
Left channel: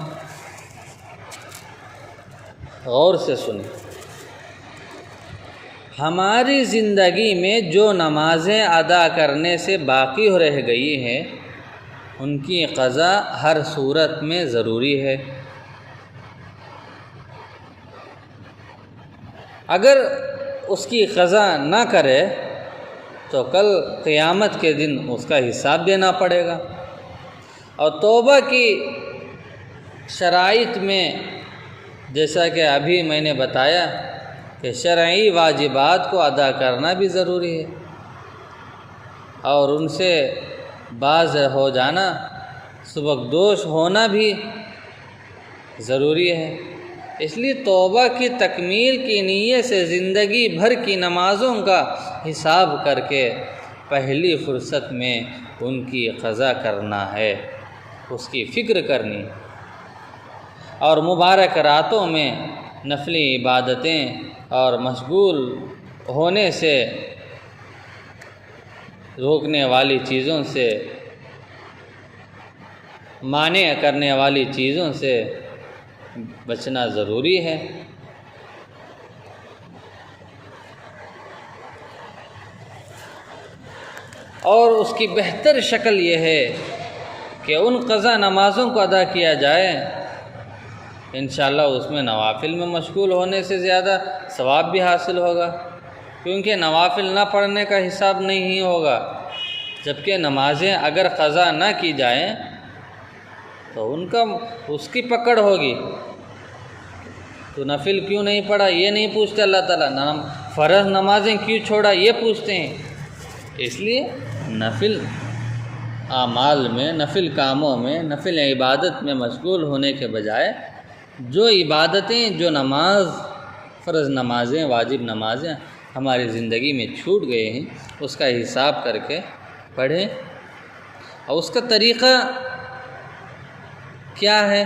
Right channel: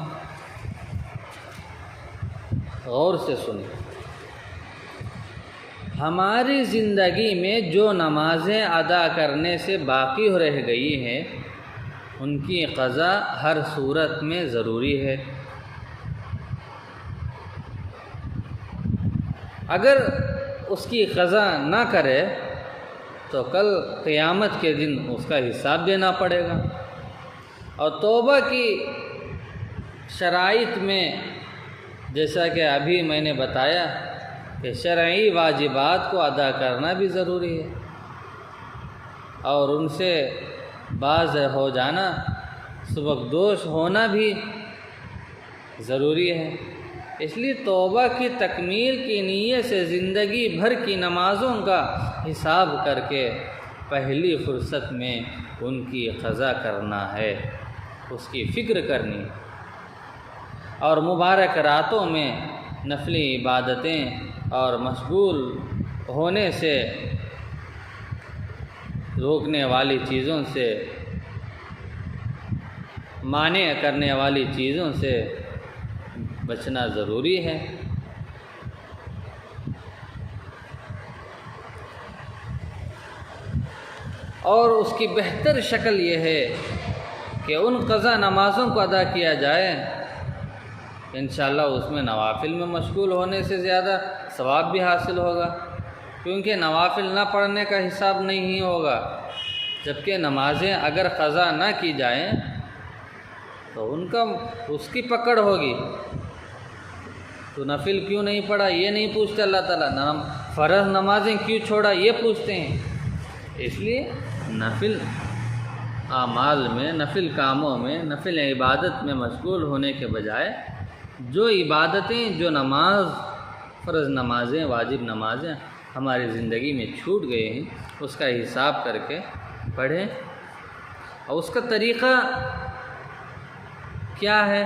غور سے سنیں۔ ہماری زندگی میں جو نمازیں ادا کرنے سے باقی ہو رہ گئی ہیں ان کی قضا ہر صورت میں ضروری ہے۔ اگر اس کی قضا نہ کرے تو کل قیامت کے دن اس کا حساب دینا پڑے گا۔ اور توبہ کی شرائط میں جیسا کہ ابھی میں نے بتایا کہ شرعی واجبات کو ادا کرنا بھی ضروری ہے، اور ان سے باز ہو جانا، سبکدوش ہونا بھی ضروری ہے۔ اس لیے توبہ کی تکمیل کی نیت سے زندگی بھر کی نمازوں کا حساب کر کے پہلی فرصت میں ان کی قضا کرنا ہے، اس کی فکر کرنی، اور مبارک راتوں میں نفلی عبادتیں اور مشغول ہونے سے روکنے والی چیزوں سے، مانع کرنے والی چیزوں سے بچنا ضروری ہے۔ اور اس کی بہتر شکل یہ ہے کہ ان قضا نمازوں کو ادا کیا جائے، انشاءاللہ اس میں نوافل میں مشغول ہونے سے زیادہ ثواب بھی حاصل ہوگا، کیونکہ نوافل نہ پڑھنے کا حساب نہیں ہوگا، جبکہ نمازیں اگر قضا نہ کی جائیں تو اس کی پکڑ ہوگی۔ تو نفل کیوں نہیں پڑھا یہ نہیں پوچھتے اللہ تعالیٰ، فرض نمازیں کیوں چھوڑا یہ پوچھتے ہیں۔ اس لیے نفل اعمال میں، نفل کاموں میں، نفل عبادت میں مشغول ہونے کے بجائے جو عبادتیں، جو نماز، فرض نمازیں، واجب نمازیں ہماری زندگی میں چھوٹ گئے ہیں، اس کا حساب کر کے پڑھیں۔ اور اس کا طریقہ کیا ہے؟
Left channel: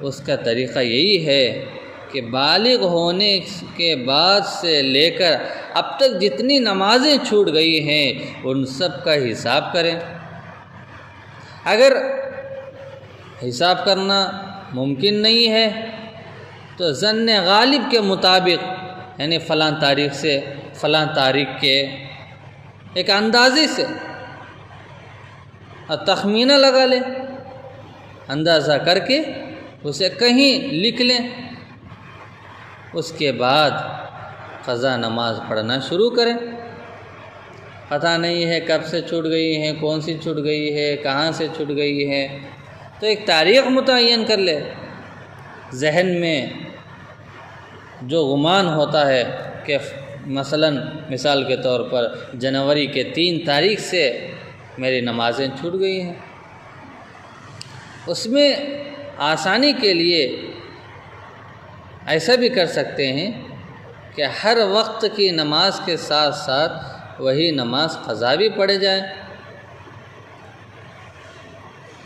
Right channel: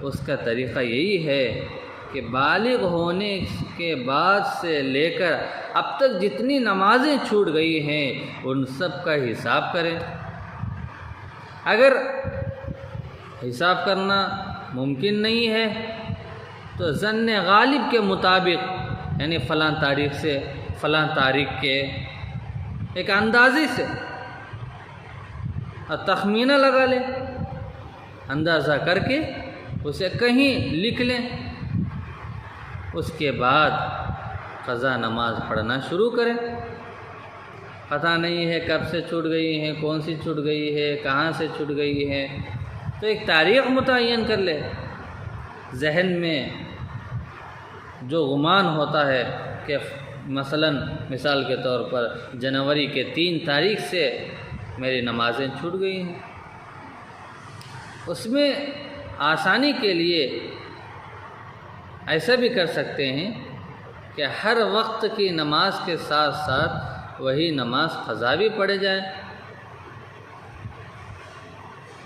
اس کا طریقہ یہی ہے کہ بالغ ہونے کے بعد سے لے کر اب تک جتنی نمازیں چھوٹ گئی ہیں ان سب کا حساب کریں۔ اگر حساب کرنا ممکن نہیں ہے تو ظن غالب کے مطابق، یعنی فلاں تاریخ سے فلاں تاریخ کے ایک اندازے سے تخمینہ لگا لیں، اندازہ کر کے اسے کہیں لکھ لیں، اس کے بعد قضا نماز پڑھنا شروع کریں۔ پتہ نہیں ہے کب سے چھوٹ گئی ہے، کون سی چھوٹ گئی ہے، کہاں سے چھوٹ گئی ہے، تو ایک تاریخ متعین کر لے۔ ذہن میں جو گمان ہوتا ہے کہ مثال کے طور پر جنوری کے 3 تاریخ سے میری نمازیں چھوٹ گئی ہیں، اس میں آسانی کے لیے ایسا بھی کر سکتے ہیں کہ ہر وقت کی نماز کے ساتھ ساتھ وہی نماز قضا بھی پڑھ جائے۔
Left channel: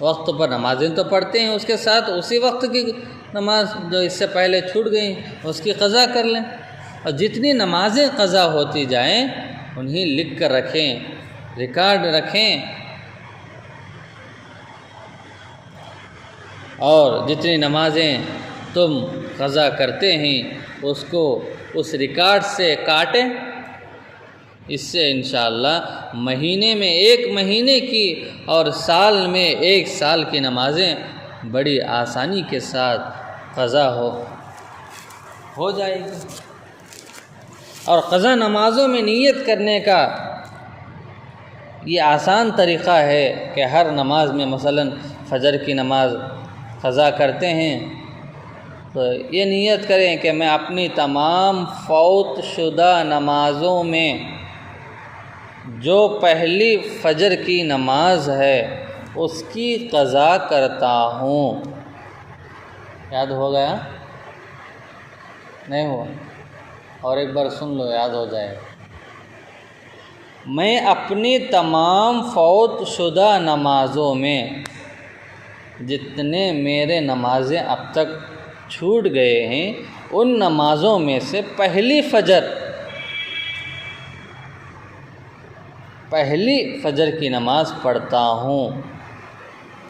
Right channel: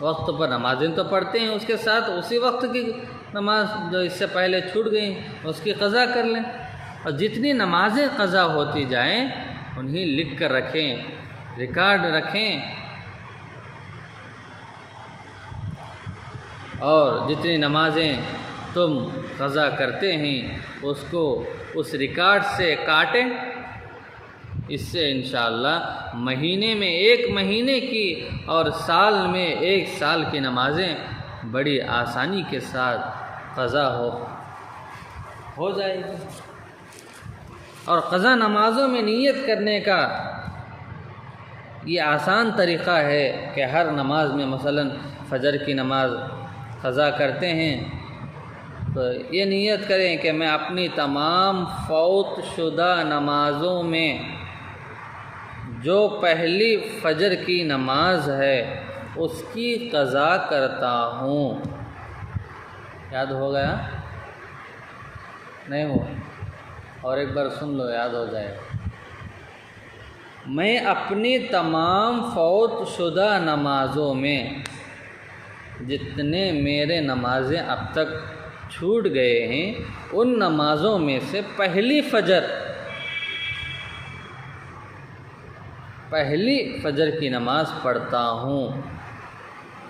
وقت پر نمازیں تو پڑھتے ہیں، اس کے ساتھ اسی وقت کی نماز جو اس سے پہلے چھوٹ گئی اس کی قضا کر لیں، اور جتنی نمازیں قضا ہوتی جائیں انہیں لکھ کر رکھیں، ریکارڈ رکھیں، اور جتنی نمازیں تم قضا کرتے ہیں اس کو اس ریکارڈ سے کاٹیں۔ اس سے انشاءاللہ مہینے میں 1 مہینے کی اور سال میں 1 سال کی نمازیں بڑی آسانی کے ساتھ قضا ہو جائے گی۔ اور قضا نمازوں میں نیت کرنے کا یہ آسان طریقہ ہے کہ ہر نماز میں مثلاً فجر کی نماز قضا کرتے ہیں تو یہ نیت کریں کہ میں اپنی تمام فوت شدہ نمازوں میں جو پہلی فجر کی نماز ہے اس کی قضا کرتا ہوں۔ یاد ہو گیا؟ نہیں ہوا؟ اور ایک بار سن لو، یاد ہو جائے۔ میں اپنی تمام فوت شدہ نمازوں میں جتنے میرے نمازیں اب تک چھوٹ گئے ہیں ان نمازوں میں سے پہلی فجر کی نماز پڑھتا ہوں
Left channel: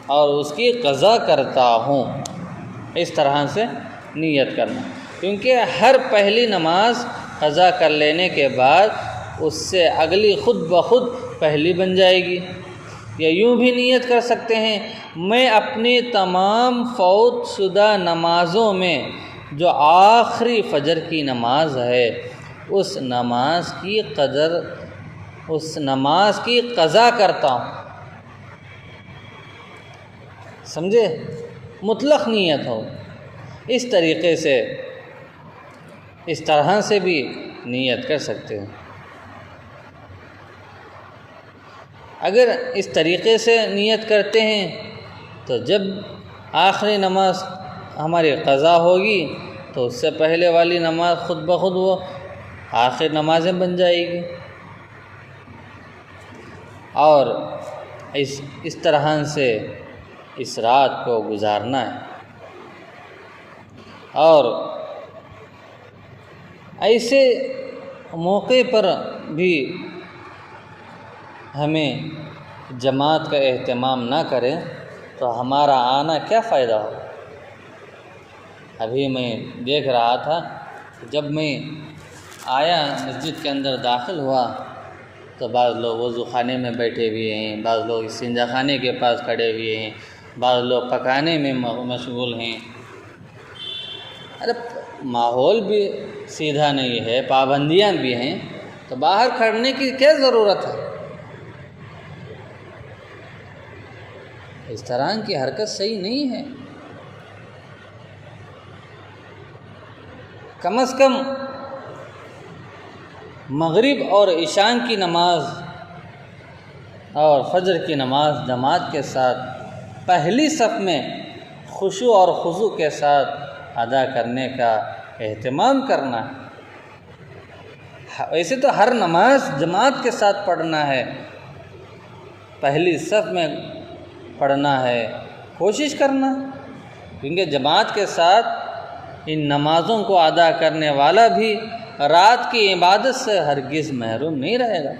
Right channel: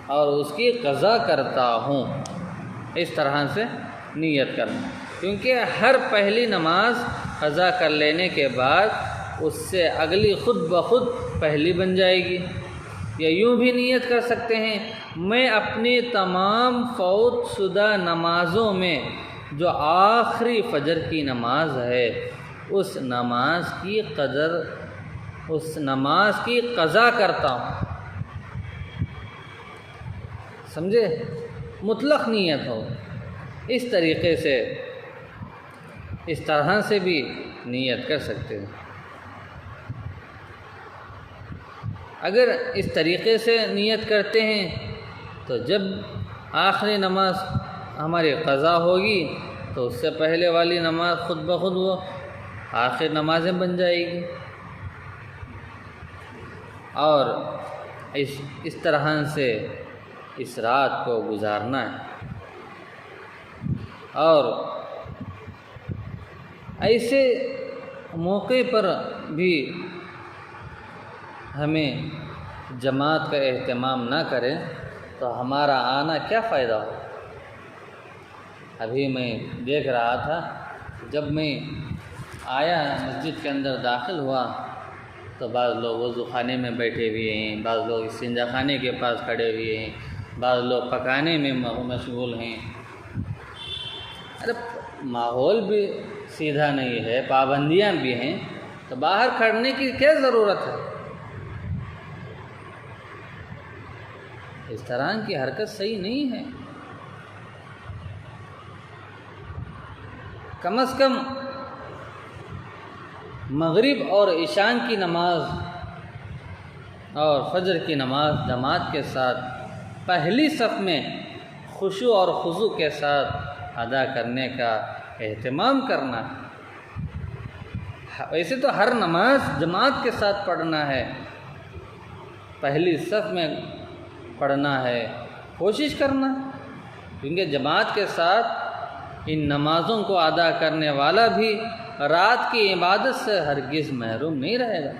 اور اس کی قضا کرتا ہوں۔ اس طرح سے نیت کرنا، کیونکہ ہر پہلی نماز قضا کر لینے کے بعد اس سے اگلی خود بخود پہلی بن جائے گی۔ یا یوں بھی نیت کر سکتے ہیں، میں اپنی تمام فوت شدہ نمازوں میں جو آخری فجر کی نماز ہے اس نماز کی قضا کرتا ہوں۔ سمجھے؟ مطلق نیت ہو۔ اس طریقے سے، اس طرح سے بھی نیت کر سکتے ہیں۔ اگر اس طریقے سے نیت کرتے ہیں تو جب آخری نماز ہماری قضا ہوگی تو اس سے پہلے والی نماز خود بخود وہ آخر نمازیں بن جائے گی، اور اس طرح سے اس رات کو گزارنا ہے۔ اور ایسے موقع پر بھی ہمیں جماعت کا اہتمام نہ کریں تو ہمارا آنا کیا فائدہ ہو۔ ابھی میں دیکھ رہا تھا، جب میں آیا مسجد کے اندر داخل ہوا تو بعض لوگ وضو خانے میں بیٹھے ہوئے ہیں، بعض لوگ استنجا خانے کے پاس کھڑے ہوئے ہیں، بعض لوگ پکانے میں مشغول ہیں۔ ارے ماحول بھی سیدھا نہیں ہے، پابندیاں بھی ہیں، تو باہر کھڑنے کی کیا ضرورت ہے؟ اس طرح کی حرکت صحیح نہیں ہے۔ کم از کم مغرب اور عشاء کی نماز اور فجر کی نماز جماعت کے ساتھ پہلی صف میں خشوع اور خضوع کے ساتھ ادا کرنے کا اہتمام کرنا ہے۔ ویسے تو ہر نماز جماعت کے ساتھ پڑھنا ہے، پہلی صف میں پڑھنا ہے، کوشش کرنا ہے، کیونکہ جماعت کے ساتھ ان نمازوں کو ادا کرنے والا بھی رات کی عبادت سے ہرگز محروم نہیں رہے گا۔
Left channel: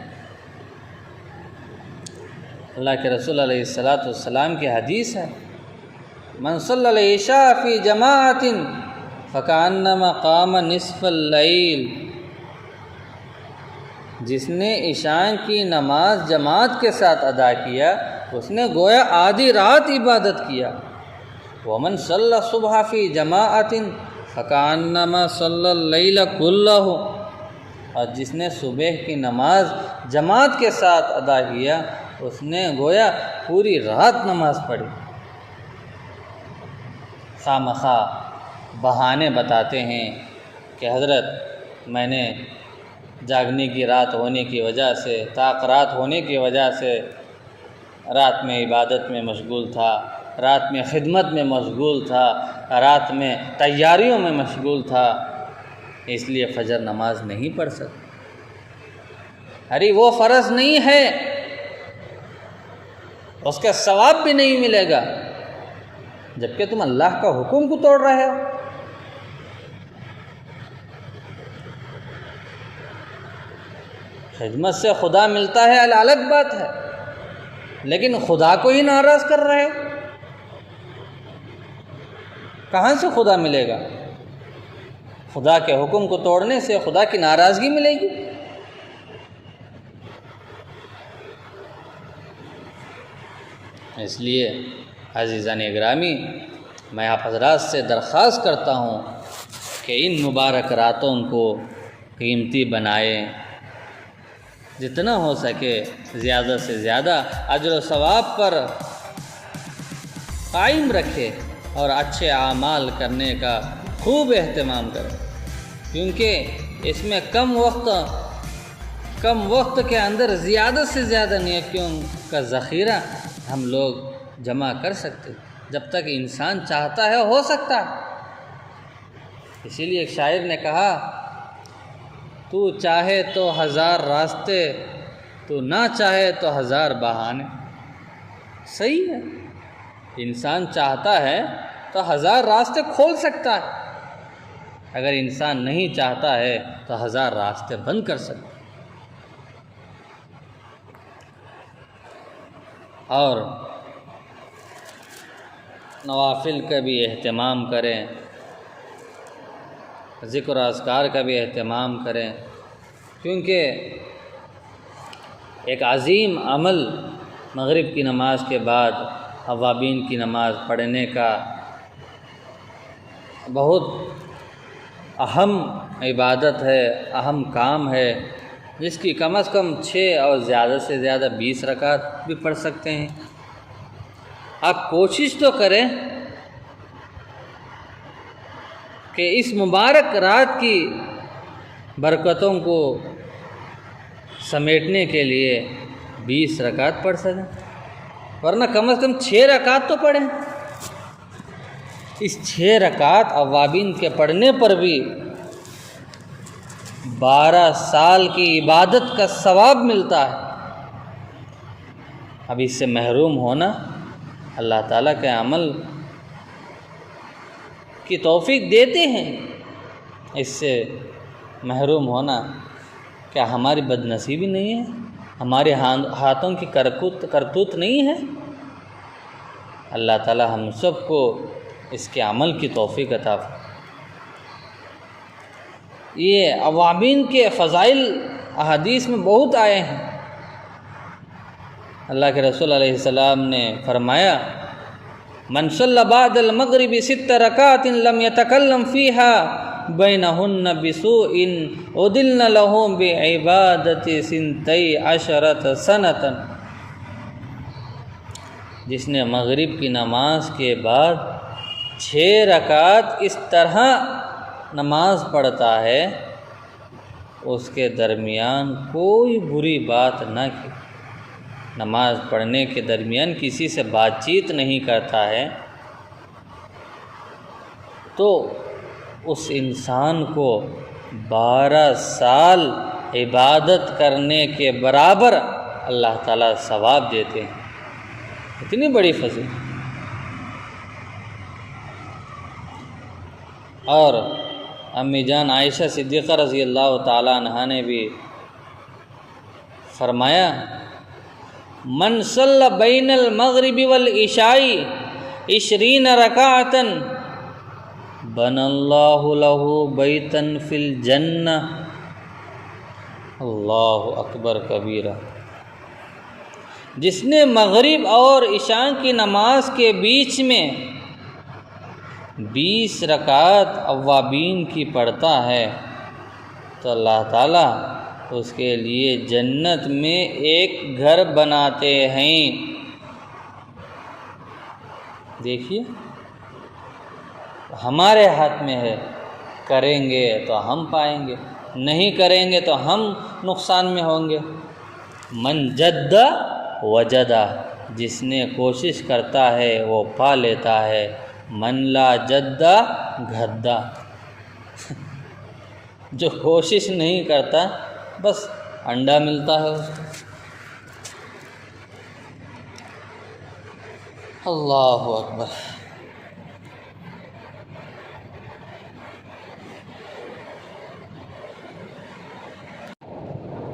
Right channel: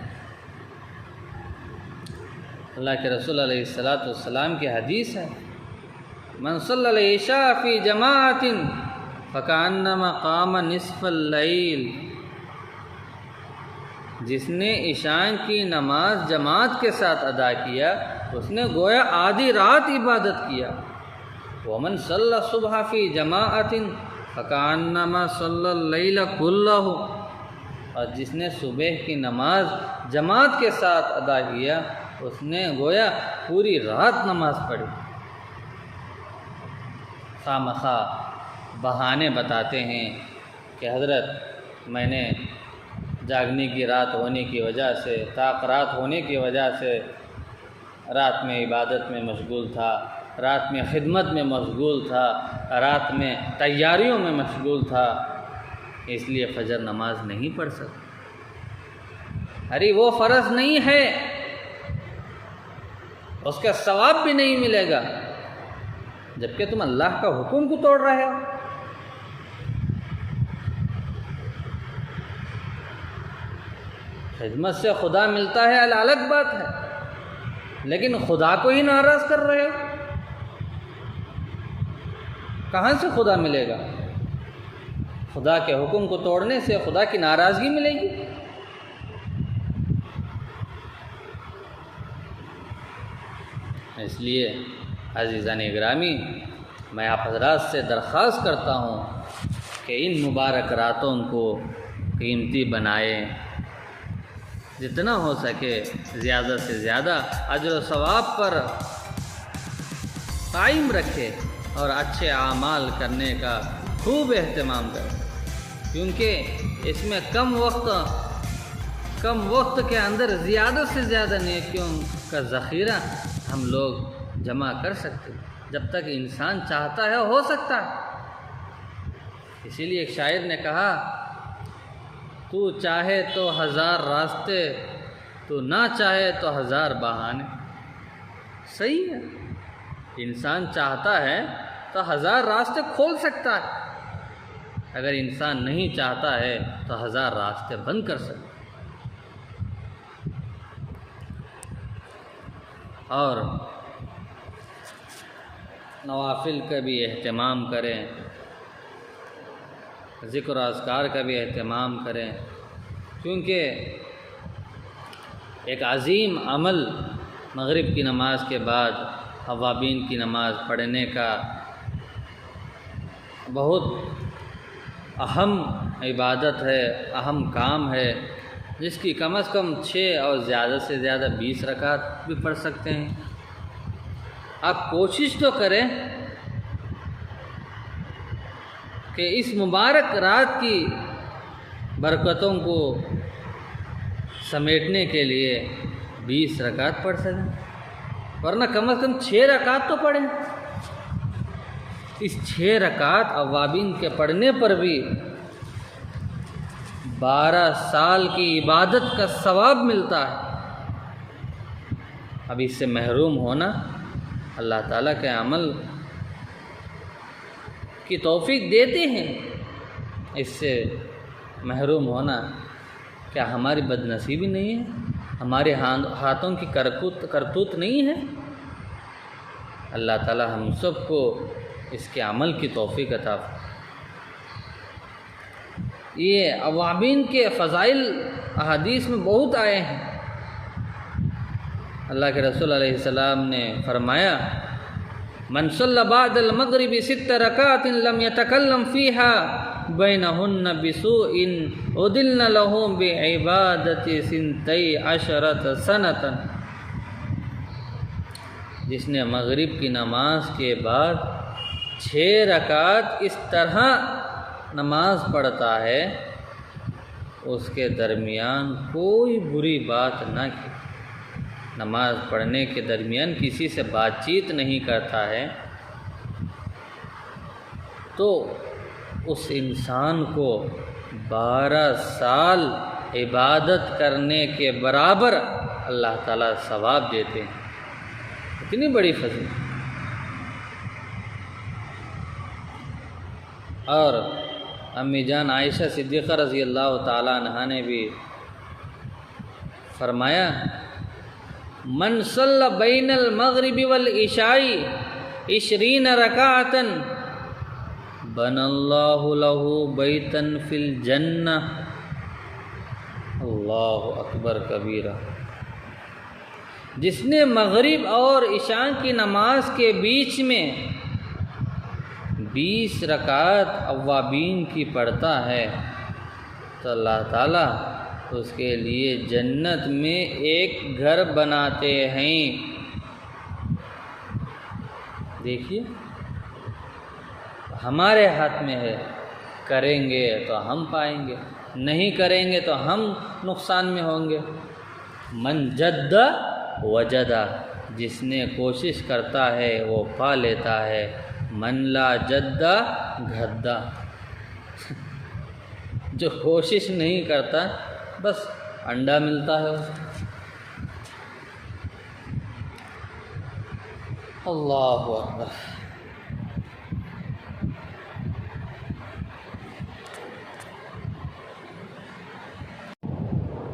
اللہ کے رسول علیہ السلام کی حدیث ہے، من صلی العشاء فی جماعت فکأنما قام نصف اللیل، جس نے عشاء کی نماز جماعت کے ساتھ ادا کیا اس نے گویا آدھی رات عبادت کیا۔ ومن صلی الصبح فی جماعت فکأنما صلی اللیل کلہ، اور جس نے صبح کی نماز جماعت کے ساتھ ادا کیا اس نے گویا پوری رات نماز پڑھی۔ خواہ بہانے بتاتے ہیں کہ حضرت میں نے جاگنے کی رات ہونے کی وجہ سے، طاق رات ہونے کی وجہ سے رات میں عبادت میں مشغول تھا، رات میں خدمت میں مشغول تھا، رات میں تیاریوں میں مشغول تھا، اس لیے فجر نماز نہیں پڑھ سکتا۔ ارے وہ فرض نہیں ہے، اس کا ثواب بھی نہیں ملے گا، جبکہ تم اللہ کا حکم کو توڑ رہے ہو۔ خدمت سے خدا ملتا ہے الگ بات ہے، لیکن خدا کو ہی ناراض کر رہے ہو، کہاں سے خدا ملے گا؟ خدا کے حکم کو توڑنے سے خدا کی ناراضگی ملے گی۔ اس لیے عزیزان گرامی، میں آپ حضرات سے درخواست کرتا ہوں کہ ان مبارک راتوں کو قیمتی بنائیں، جتنا ہو سکے زیادہ سے زیادہ اجر و ثواب پر قائم رکھے اور اچھے اعمال کرنے کا خوب اہتمام کریں، کیونکہ اس میں کم وقت کے اندر زیادہ سے زیادہ نیکیوں کا ذخیرہ ہم لوگ جمع کر سکتے ہیں۔ جب تک انسان چاہتا ہے ہو سکتا ہے۔ اسی لیے ایک شاعر نے کہا، تو چاہے تو 1000 راستے، تو نہ چاہے تو 1000 بہانے۔ صحیح ہے، انسان چاہتا ہے تو 1000 راستے کھول سکتا ہے، اگر انسان نہیں چاہتا ہے تو 1000 راستے بند کر سکتا ہے۔ اور نوافل کا بھی اہتمام کریں، ذکر و اذکار کا بھی اہتمام کریں، کیونکہ ایک عظیم عمل مغرب کی نماز کے بعد اوابین کی نماز پڑھنے کا بہت اہم عبادت ہے، اہم کام ہے، جس کی کم از کم 6 اور زیادہ سے زیادہ 20 رکعت بھی پڑھ سکتے ہیں۔ آپ کوشش تو کریں کہ اس مبارک رات کی برکتوں کو سمیٹنے کے لیے 20 رکعت پڑھ سکیں، ورنہ کم از کم 6 رکعت تو پڑھیں۔ اس 6 رکعت اوابین کے پڑھنے پر بھی 12 سال کی عبادت کا ثواب ملتا ہے۔ اب اس سے محروم ہونا اللہ تعالیٰ کے عمل کی توفیق دیتے ہیں، اس سے محروم ہونا کیا ہماری بد نصیبی نہیں ہے؟ ہمارے ہاتھوں کی کرتوت نہیں ہے؟ اللہ تعالیٰ ہم سب کو اس کے عمل کی توفیق عطا فرمائے۔ یہ اوابین کے فضائل احادیث میں بہت آئے ہیں۔ اللہ کے رسول علیہ السلام نے فرمایا من صلی بعد المغرب 6 رکعات لم يتکلم فیہا بینہن بسوء عدلن له بعبادت 12 سنة۔ جس نے مغرب کی نماز کے بعد 6 رکعات اس طرح نماز پڑھتا ہے، اس کے درمیان کوئی بری بات نہ کی، نماز پڑھنے کے درمیان کسی سے بات چیت نہیں کرتا ہے، تو اس انسان کو 12 سال عبادت کرنے کے برابر اللہ تعالیٰ ثواب دیتے ہیں۔ اتنی بڑی فضیلت۔ اور امی جان عائشہ صدیقہ رضی اللہ تعالیٰ عنہا نے بھی فرمایا من صلی بین المغرب والعشاء 20 رکعتا بنى اللہ له بیتا فی الجنہ۔ اللہ اکبر کبیرہ۔ جس نے مغرب اور عشاء کی نماز کے بیچ میں 20 رکعت اوابین کی پڑھتا ہے تو اللہ تعالیٰ اس کے لیے جنت میں ایک گھر بناتے ہیں۔ دیکھیے ہمارے ہاتھ میں ہے، کریں گے تو ہم پائیں گے، نہیں کریں گے تو ہم نقصان میں ہوں گے۔ من جد وجدہ، جس نے کوشش کرتا ہے وہ پا لیتا ہے، من لا جدہ گھدا، جو کوشش نہیں کرتا بس انڈا ملتا ہے اسے۔ اللہ اکبر۔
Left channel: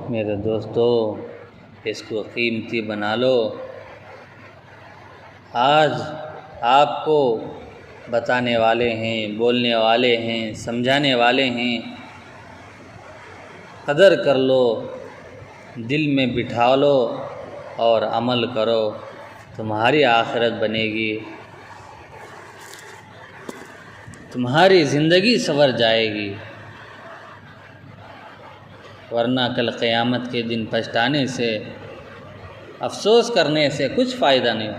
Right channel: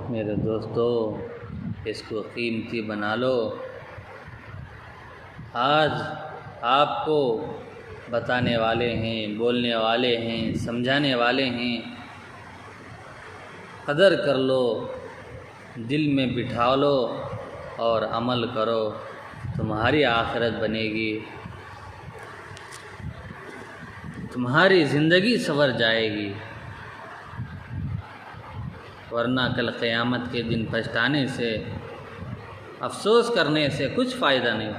میرے دوستو، اس کو قیمتی بنا لو۔ آج آپ کو بتانے والے ہیں، بولنے والے ہیں، سمجھانے والے ہیں، قدر کر لو، دل میں بٹھا لو اور عمل کرو، تمہاری آخرت بنے گی، تمہاری زندگی سنور جائے گی، ورنہ کل قیامت کے دن پچھتانے سے، افسوس کرنے سے کچھ فائدہ نہیں۔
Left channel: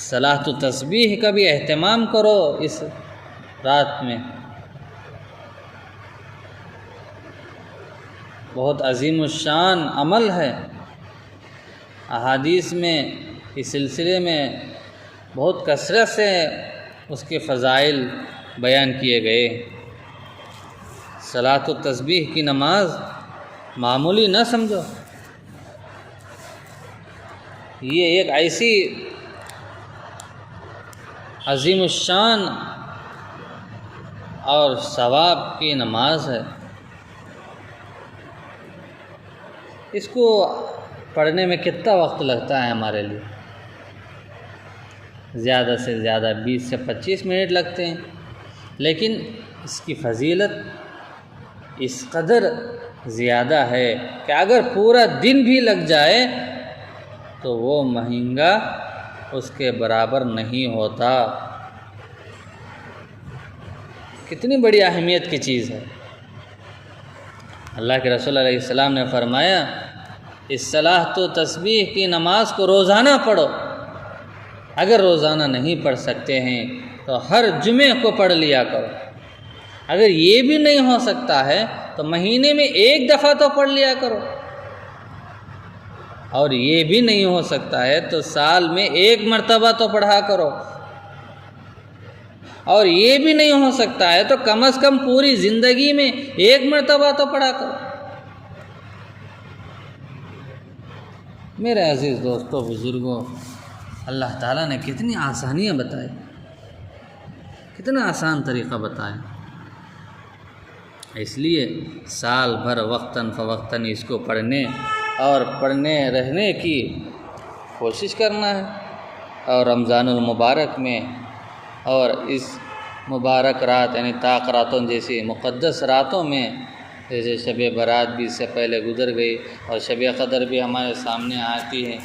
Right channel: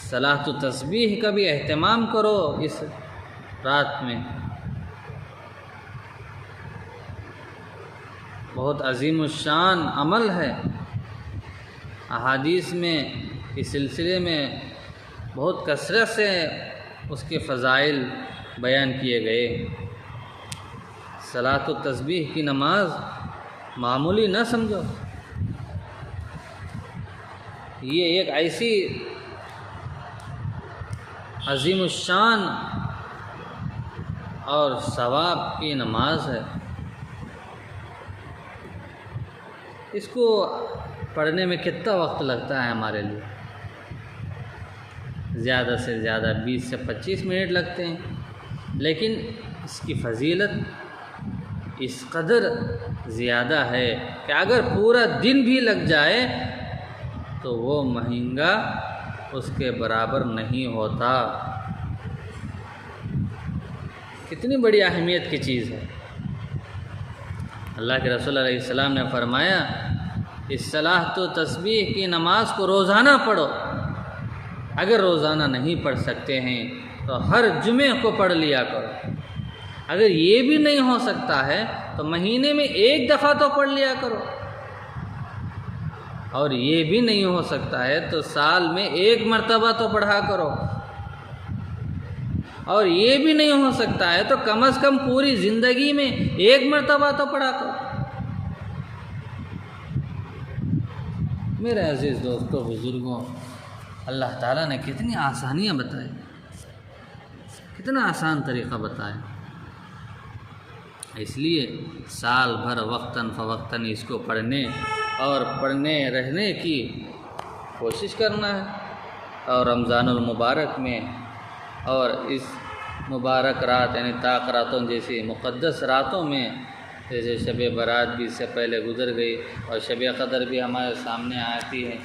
صلاۃ و تسبیح کا بھی اہتمام کرو اس رات میں، بہت عظیم الشان عمل ہے۔ احادیث میں اس سلسلے میں بہت کثرت سے اس کے فضائل بیان کیے گئے۔ صلاۃ و تسبیح کی نماز معمولی نہ سمجھو، یہ ایک ایسی عظیم الشان اور ثواب کی نماز ہے، اس کو پڑھنے میں کتنا وقت لگتا ہے ہمارے لیے؟ زیادہ سے زیادہ 20 سے 25 منٹ لگتے ہیں، لیکن اس کی فضیلت اس قدر زیادہ ہے کہ اگر پورا دن بھی لگ جائے تو وہ مہنگا اس کے برابر نہیں ہوتا۔ کتنی بڑی اہمیت کی چیز ہے۔ اللہ کے رسول علیہ السلام نے فرمایا اس صلاۃ و تسبیح کی نماز کو روزانہ پڑھو، اگر روزانہ نہیں پڑھ سکتے ہیں تو ہر جمعے کو پڑھ لیا کرو، اگر یہ بھی نہیں ہو سکتا ہے تو مہینے میں 1 دفعہ تو پڑھ لیا کرو، اور یہ بھی نہیں ہو سکتا ہے تو سال میں 1 مرتبہ تو پڑھا کرو، اور یہ بھی نہیں ہو سکتا ہے تو کم از کم پوری زندگی میں ایک مرتبہ تو پڑھا کرو۔ میرے عزیز دوستوں بزرگوں، اللہ تعالیٰ نے کتنی آسانیاں بتائی، کتنا آسان طریقہ بتایا۔ اس لیے سال بھر وقتاً فوقتاً اس کو پڑھنے اور پڑھنے رہنے کی کوشش کرنا ہے، اور رمضان المبارک میں اور اس مبارک رات یعنی طاق راتوں جیسی مقدس راتوں میں، جیسے شب برات بھی اس سے پہلے گزر گئی اور شب قدر بھی ہمارے سامنے آتی ہے،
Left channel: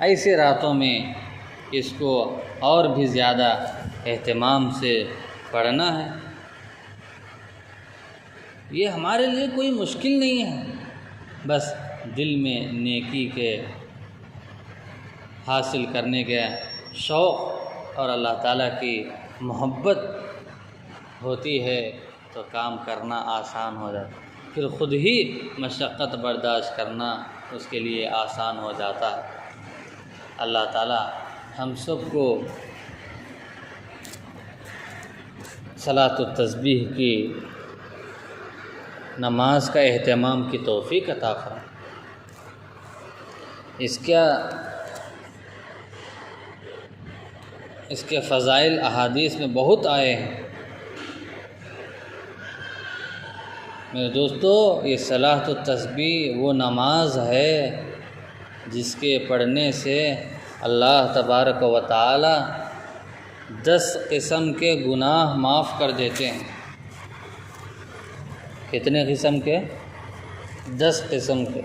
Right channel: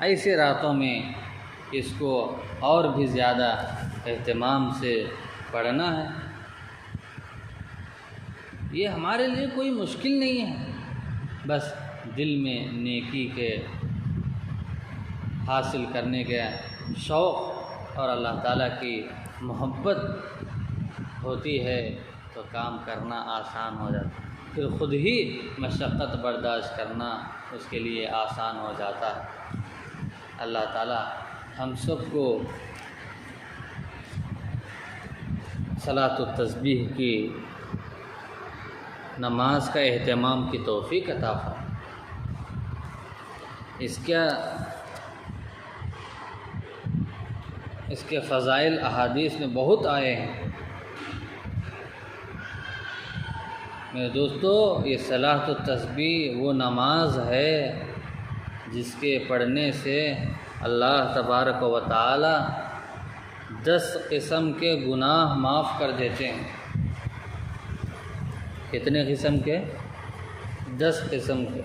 ایسے راتوں میں اس کو اور بھی زیادہ اہتمام سے پڑھنا ہے۔ یہ ہمارے لیے کوئی مشکل نہیں ہے، بس دل میں نیکی کے حاصل کرنے کے شوق اور اللہ تعالیٰ کی محبت ہوتی ہے تو کام کرنا آسان ہو جاتا ہے، پھر خود ہی مشقت برداشت کرنا اس کے لیے آسان ہو جاتا ہے۔ اللہ تعالیٰ ہم سب کو صلاۃ التسبیح کی نماز کا اہتمام کی توفیق عطا فرمائے۔ اس کے فضائل احادیث میں بہت آئے ہیں۔ میرے دوستو، یہ صلاۃ التسبیح وہ نماز ہے جس کے پڑھنے سے اللہ تبارک و تعالی 10 قسم کے گناہ معاف کر دیتے ہیں۔ کتنے قسم کے؟ 10 قسم کے۔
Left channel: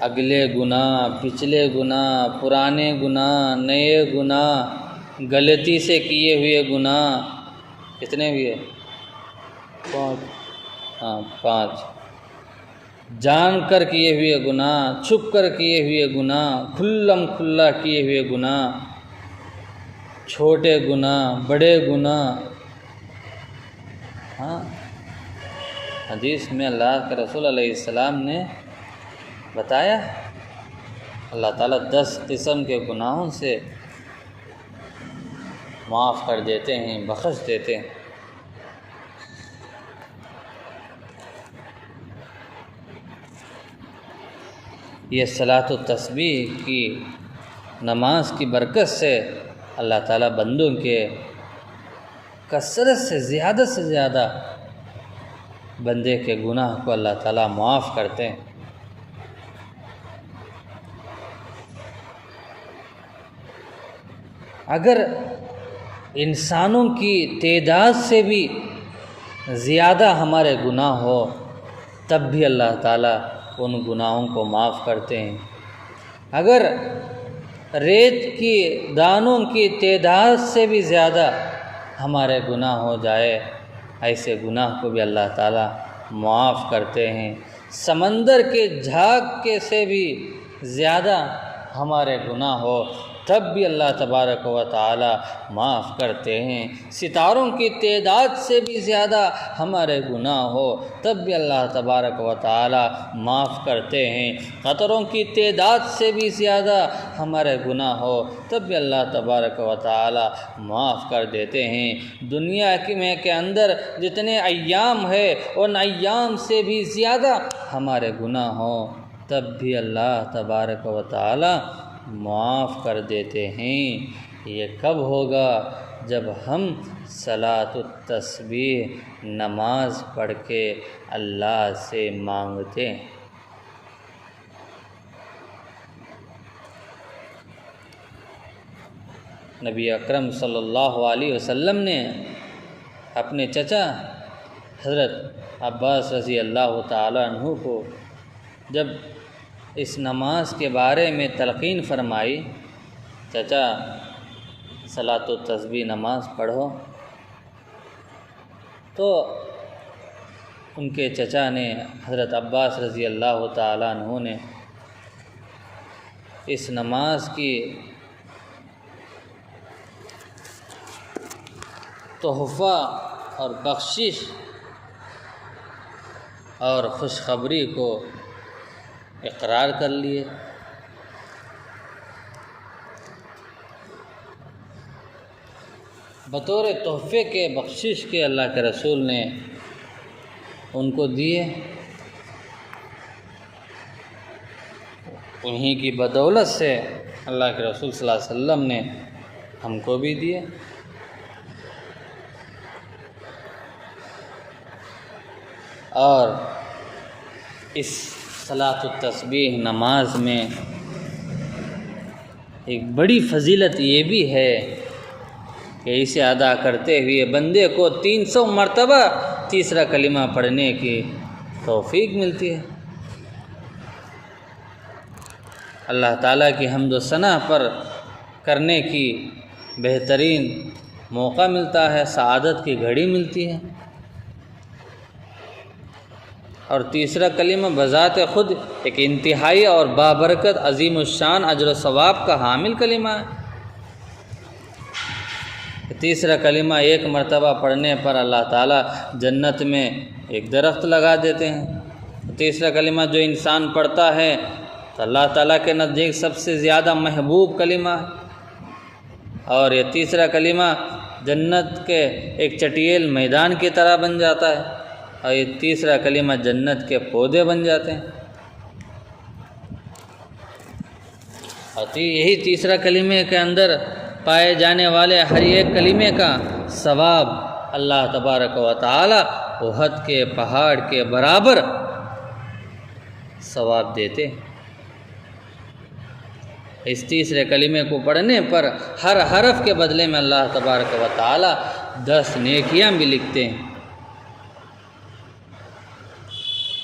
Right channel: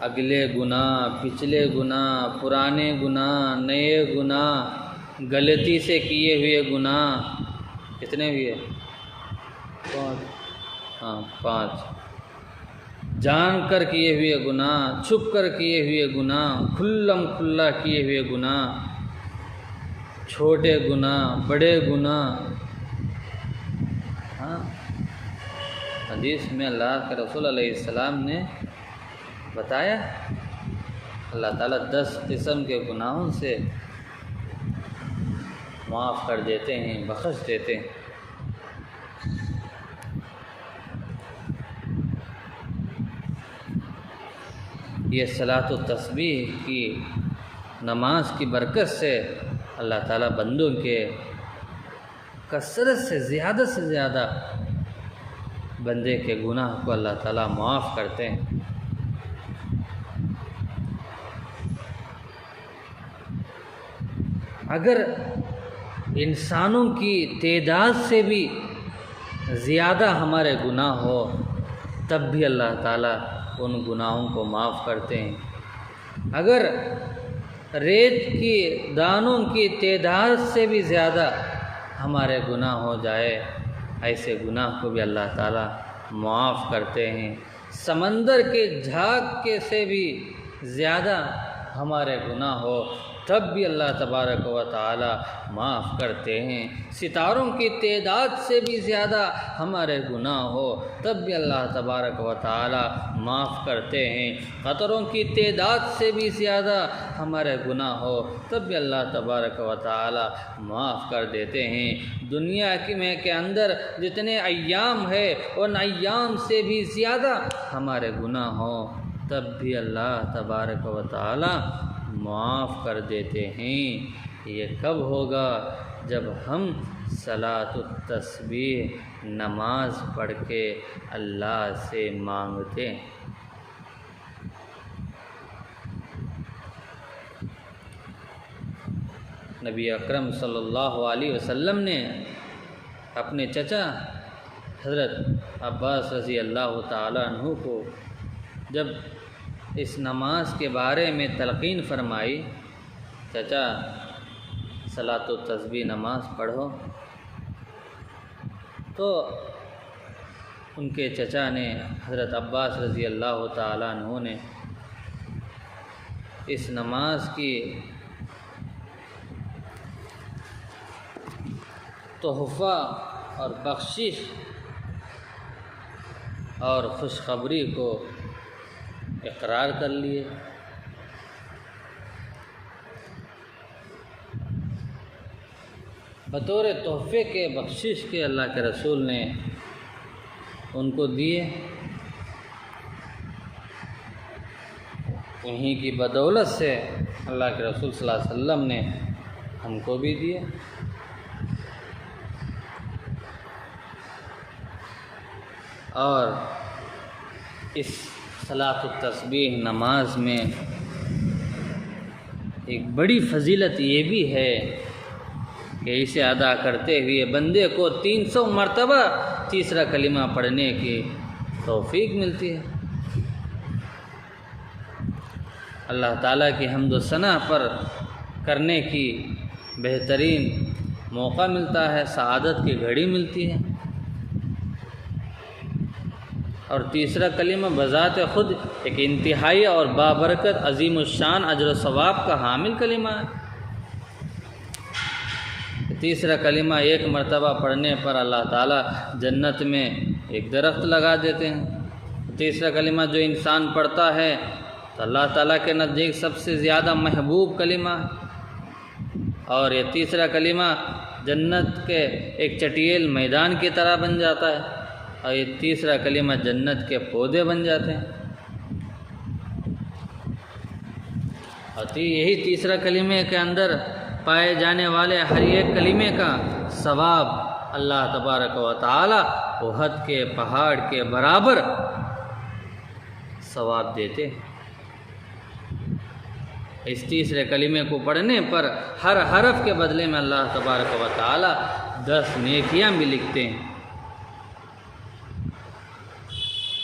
اگلے گناہ، پچھلے گناہ، پرانے گناہ، نئے گناہ، غلطی سے کیے ہوئے گناہ، کتنے ہوئے؟ 5۔ جان کر کیے ہوئے گناہ، چھپ کر کیے ہوئے گناہ، کھلم کھلا کیے ہوئے گناہ، چھوٹے گناہ، بڑے گناہ۔ حدیث میں اللہ کے رسول علیہ السلام نے بتایا، اللہ تعالیٰ 10 قسم کے گناہوں سے معاف کر دیتے ہیں، بخش دیتے ہیں۔ یہ صلاۃ التسبیح کی نماز کی برکت سے اللہ تعالیٰ بندوں کے کثرت سے زیادہ بندے کے گناہ کو اللہ تعالیٰ معاف کرتے ہیں۔ اگر انسانوں کی تعداد سے بھی زیادہ ہمارے گناہ ہو تب بھی اللہ تعالیٰ ان گناہوں کو معاف کرتے ہیں۔ اگر ریت کی دانوں کی تعداد سے بھی زیادہ ہمارے گناہ ہو جائے، ایسے گناہ کو بھی اللہ تعالیٰ معاف کرتے ہیں۔ سمندر کے جھاگ کے سے بھی زیادہ ہمارے گناہ ہو تب بھی اللہ تبارک و تعالی معاف کرتے ہیں۔ ستاروں کی تعداد سے بھی زیادہ ہمارے گناہ ہو تب بھی اللہ تبارک و تعالی معاف کرتے ہیں۔ قطروں کی تعداد سے بھی زیادہ ہمارے گناہ ہو تب بھی اللہ تبارک و تعالی معاف کر دیتے ہیں۔ دنیا کے اندر جتنے ایام ہے ان ایام سے بھی زیادہ ہمارے گناہ ہوں تب بھی اللہ تبارک و تعالی معاف کر دیتے ہیں۔ یہ کب ہوگا؟ جب ہم صلاۃ التسبیح نماز پڑھ کے اللہ سے مانگتے ہیں۔ نبی اکرم صلی اللہ علیہ وسلم نے اپنے چچا حضرت عباس رضی اللہ تعالیٰ عنہ کو جب اس نماز کے بارے میں تلقین فرمائی، چچا صلاۃ التسبیح نماز پڑھو، تو ان کے چچا نے حضرت عباس رضی اللہ تعالیٰ عنہ نے اس نماز کی تحفہ اور بخشش اور خوشخبری کو اقرار کر لیے۔ بطور تحفے کے بخشش کے اللہ کے رسول نے ان کو دیے، انہی کی بدولت سے اللہ کے رسول صلی اللہ علیہ وسلم نے ہم کو بھی دیے۔ اور اس صلاۃ التسبیح نماز میں ایک بڑی فضیلت یہ بھی ہے کہ اسے ادا کرتے ہوئے بندے کو 300 مرتبہ تیسرا کلمہ پڑھنے کی توفیق ملتی ہے۔ اللہ تعالیٰ کی حمد و ثنا پر کرنے کی بہترین موقع ملتا ہے، سعادت کی گھڑی ملتی ہے۔ اور تیسرا کلمہ بذات خود ایک انتہائی اور بابرکت عظیم الشان اجر و ثواب کا حامل کلمہ ہے۔ تیسرا کلمہ ایک مرتبہ پڑھنے پر اللہ تعالیٰ جنت میں ایک درخت لگا دیتے ہیں۔ تیسرا کلمہ جو انسان پڑھتا ہے تو اللہ تعالیٰ کے نزدیک سب سے زیادہ محبوب کلمہ ہے، اور یہ تیسرا کلمہ جنت کے ایک چٹیل میدان کی طرح بن جاتا ہے، اور یہ تیسرا کلمہ جنت کے پودے بن جاتے ہیں۔ اور یہی تیسرا کلمے کے اندر پائے جانے والے ہر ایک کلمے کا ثواب اللہ تبارک و تعالی احد کے پہاڑ کے برابر ثواب دیتے ہیں۔ اس تیسرے کلمے کو پڑھنے پر ہر حرف کے بدلے میں اللہ تبارک و تعالی 10 نیکیاں بھی لکھتے ہیں،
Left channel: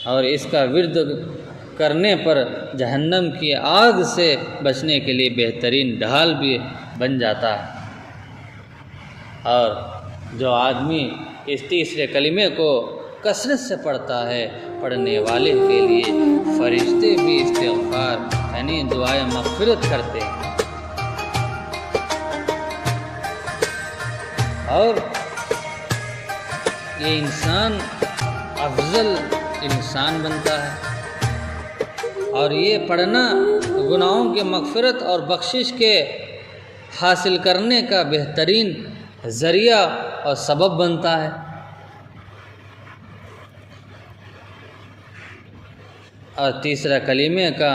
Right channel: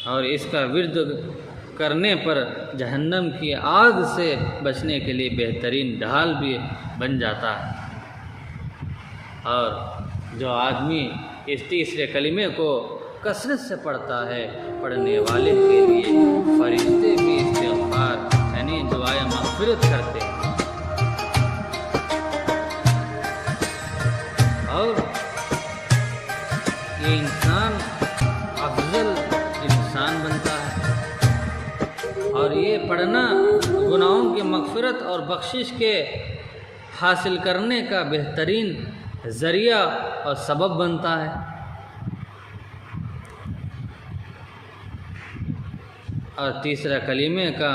اور اس کا ورد کرنے پر جہنم کی آگ سے بچنے کے لیے بہترین ڈھال بھی بن جاتا ہے۔ اور جو آدمی اس تیسرے کلمے کو کثرت سے پڑھتا ہے، پڑھنے والے کے لیے فرشتے بھی استغفار یعنی دعائے مغفرت کرتے ہیں، اور یہ انسان افضل انسان بنتا ہے۔ اور یہ پڑھنا گناہوں کی مغفرت اور بخشش کے حاصل کرنے کا بہترین ذریعہ اور سبب بنتا ہے۔ اور تیسرا کلمے کا